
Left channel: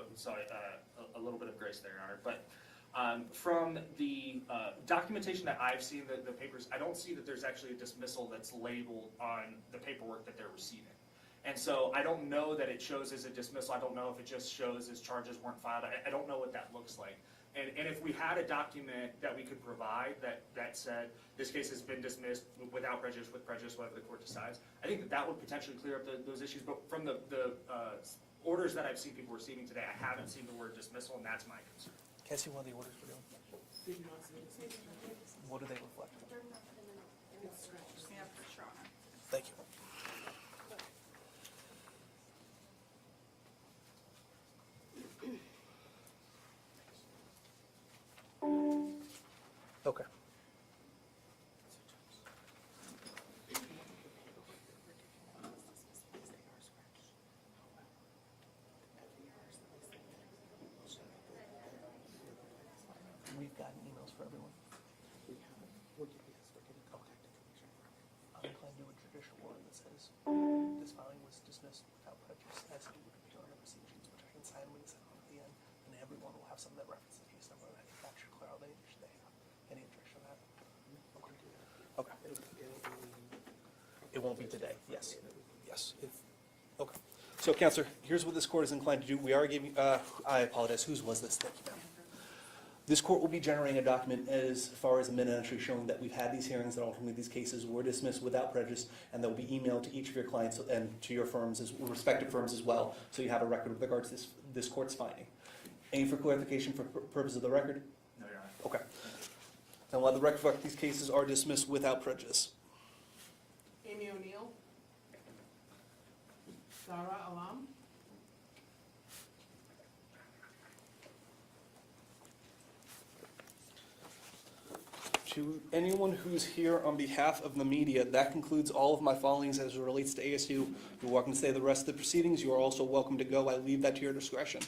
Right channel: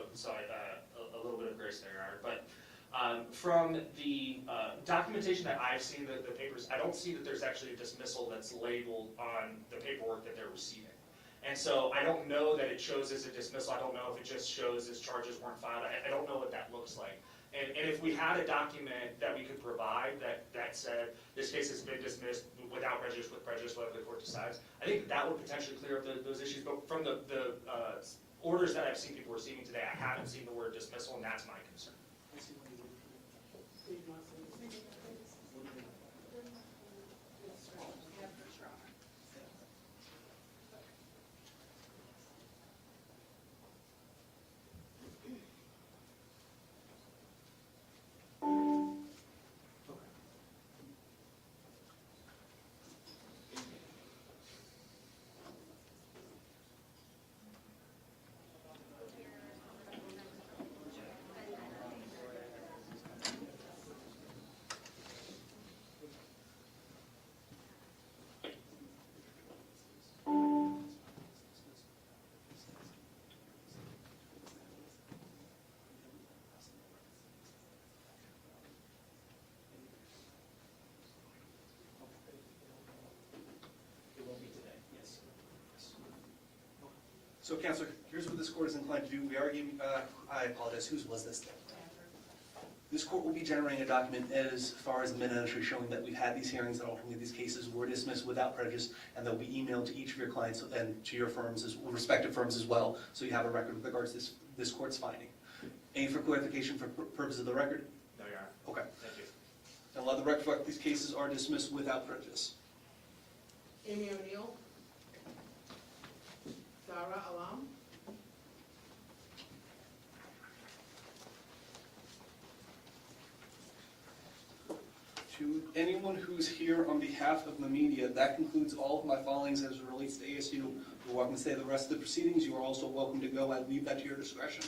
a little bit of grace there, Your Honor. But from the documentation that I've seen, the papers, I don't see that there's actually a dismissal that's labeled on the paperwork that they're receiving. And so I don't know that it shows as a dismissal. I don't know if it just shows as charges weren't filed. I don't know what that looks like. And if we had a document that we could provide that said, this case has been dismissed without prejudice, with prejudice, whatever the court decides, I think that would potentially clear up those issues. But from the orders that I've seen people receiving today, I haven't seen the word dismissal, and that's my concern. Can I see one of the orders for you? What do they look like? Thank you. Okay. It won't be today, yes. Yes. Okay. So, Counselor, here's what this court is inclined to do. We are giving, I apologize, whose was this? This court will be generating a document as far as a minute entry showing that we've had these hearings and ultimately these cases were dismissed without prejudice, and they'll be emailed to each of your clients and to your firms, respective firms as well, so you have a record with regards to this court's finding. Any for clarification for purpose of the record? No, Your Honor. Okay. Thank you. Now, let the record reflect these cases are dismissed without prejudice. Amy O'Neill. Sarah Alam. To anyone who's here on behalf of the media, that concludes all of my filings as it relates to ASU. You're welcome to stay the rest of the proceedings. You are also welcome to go. I leave that to your discretion.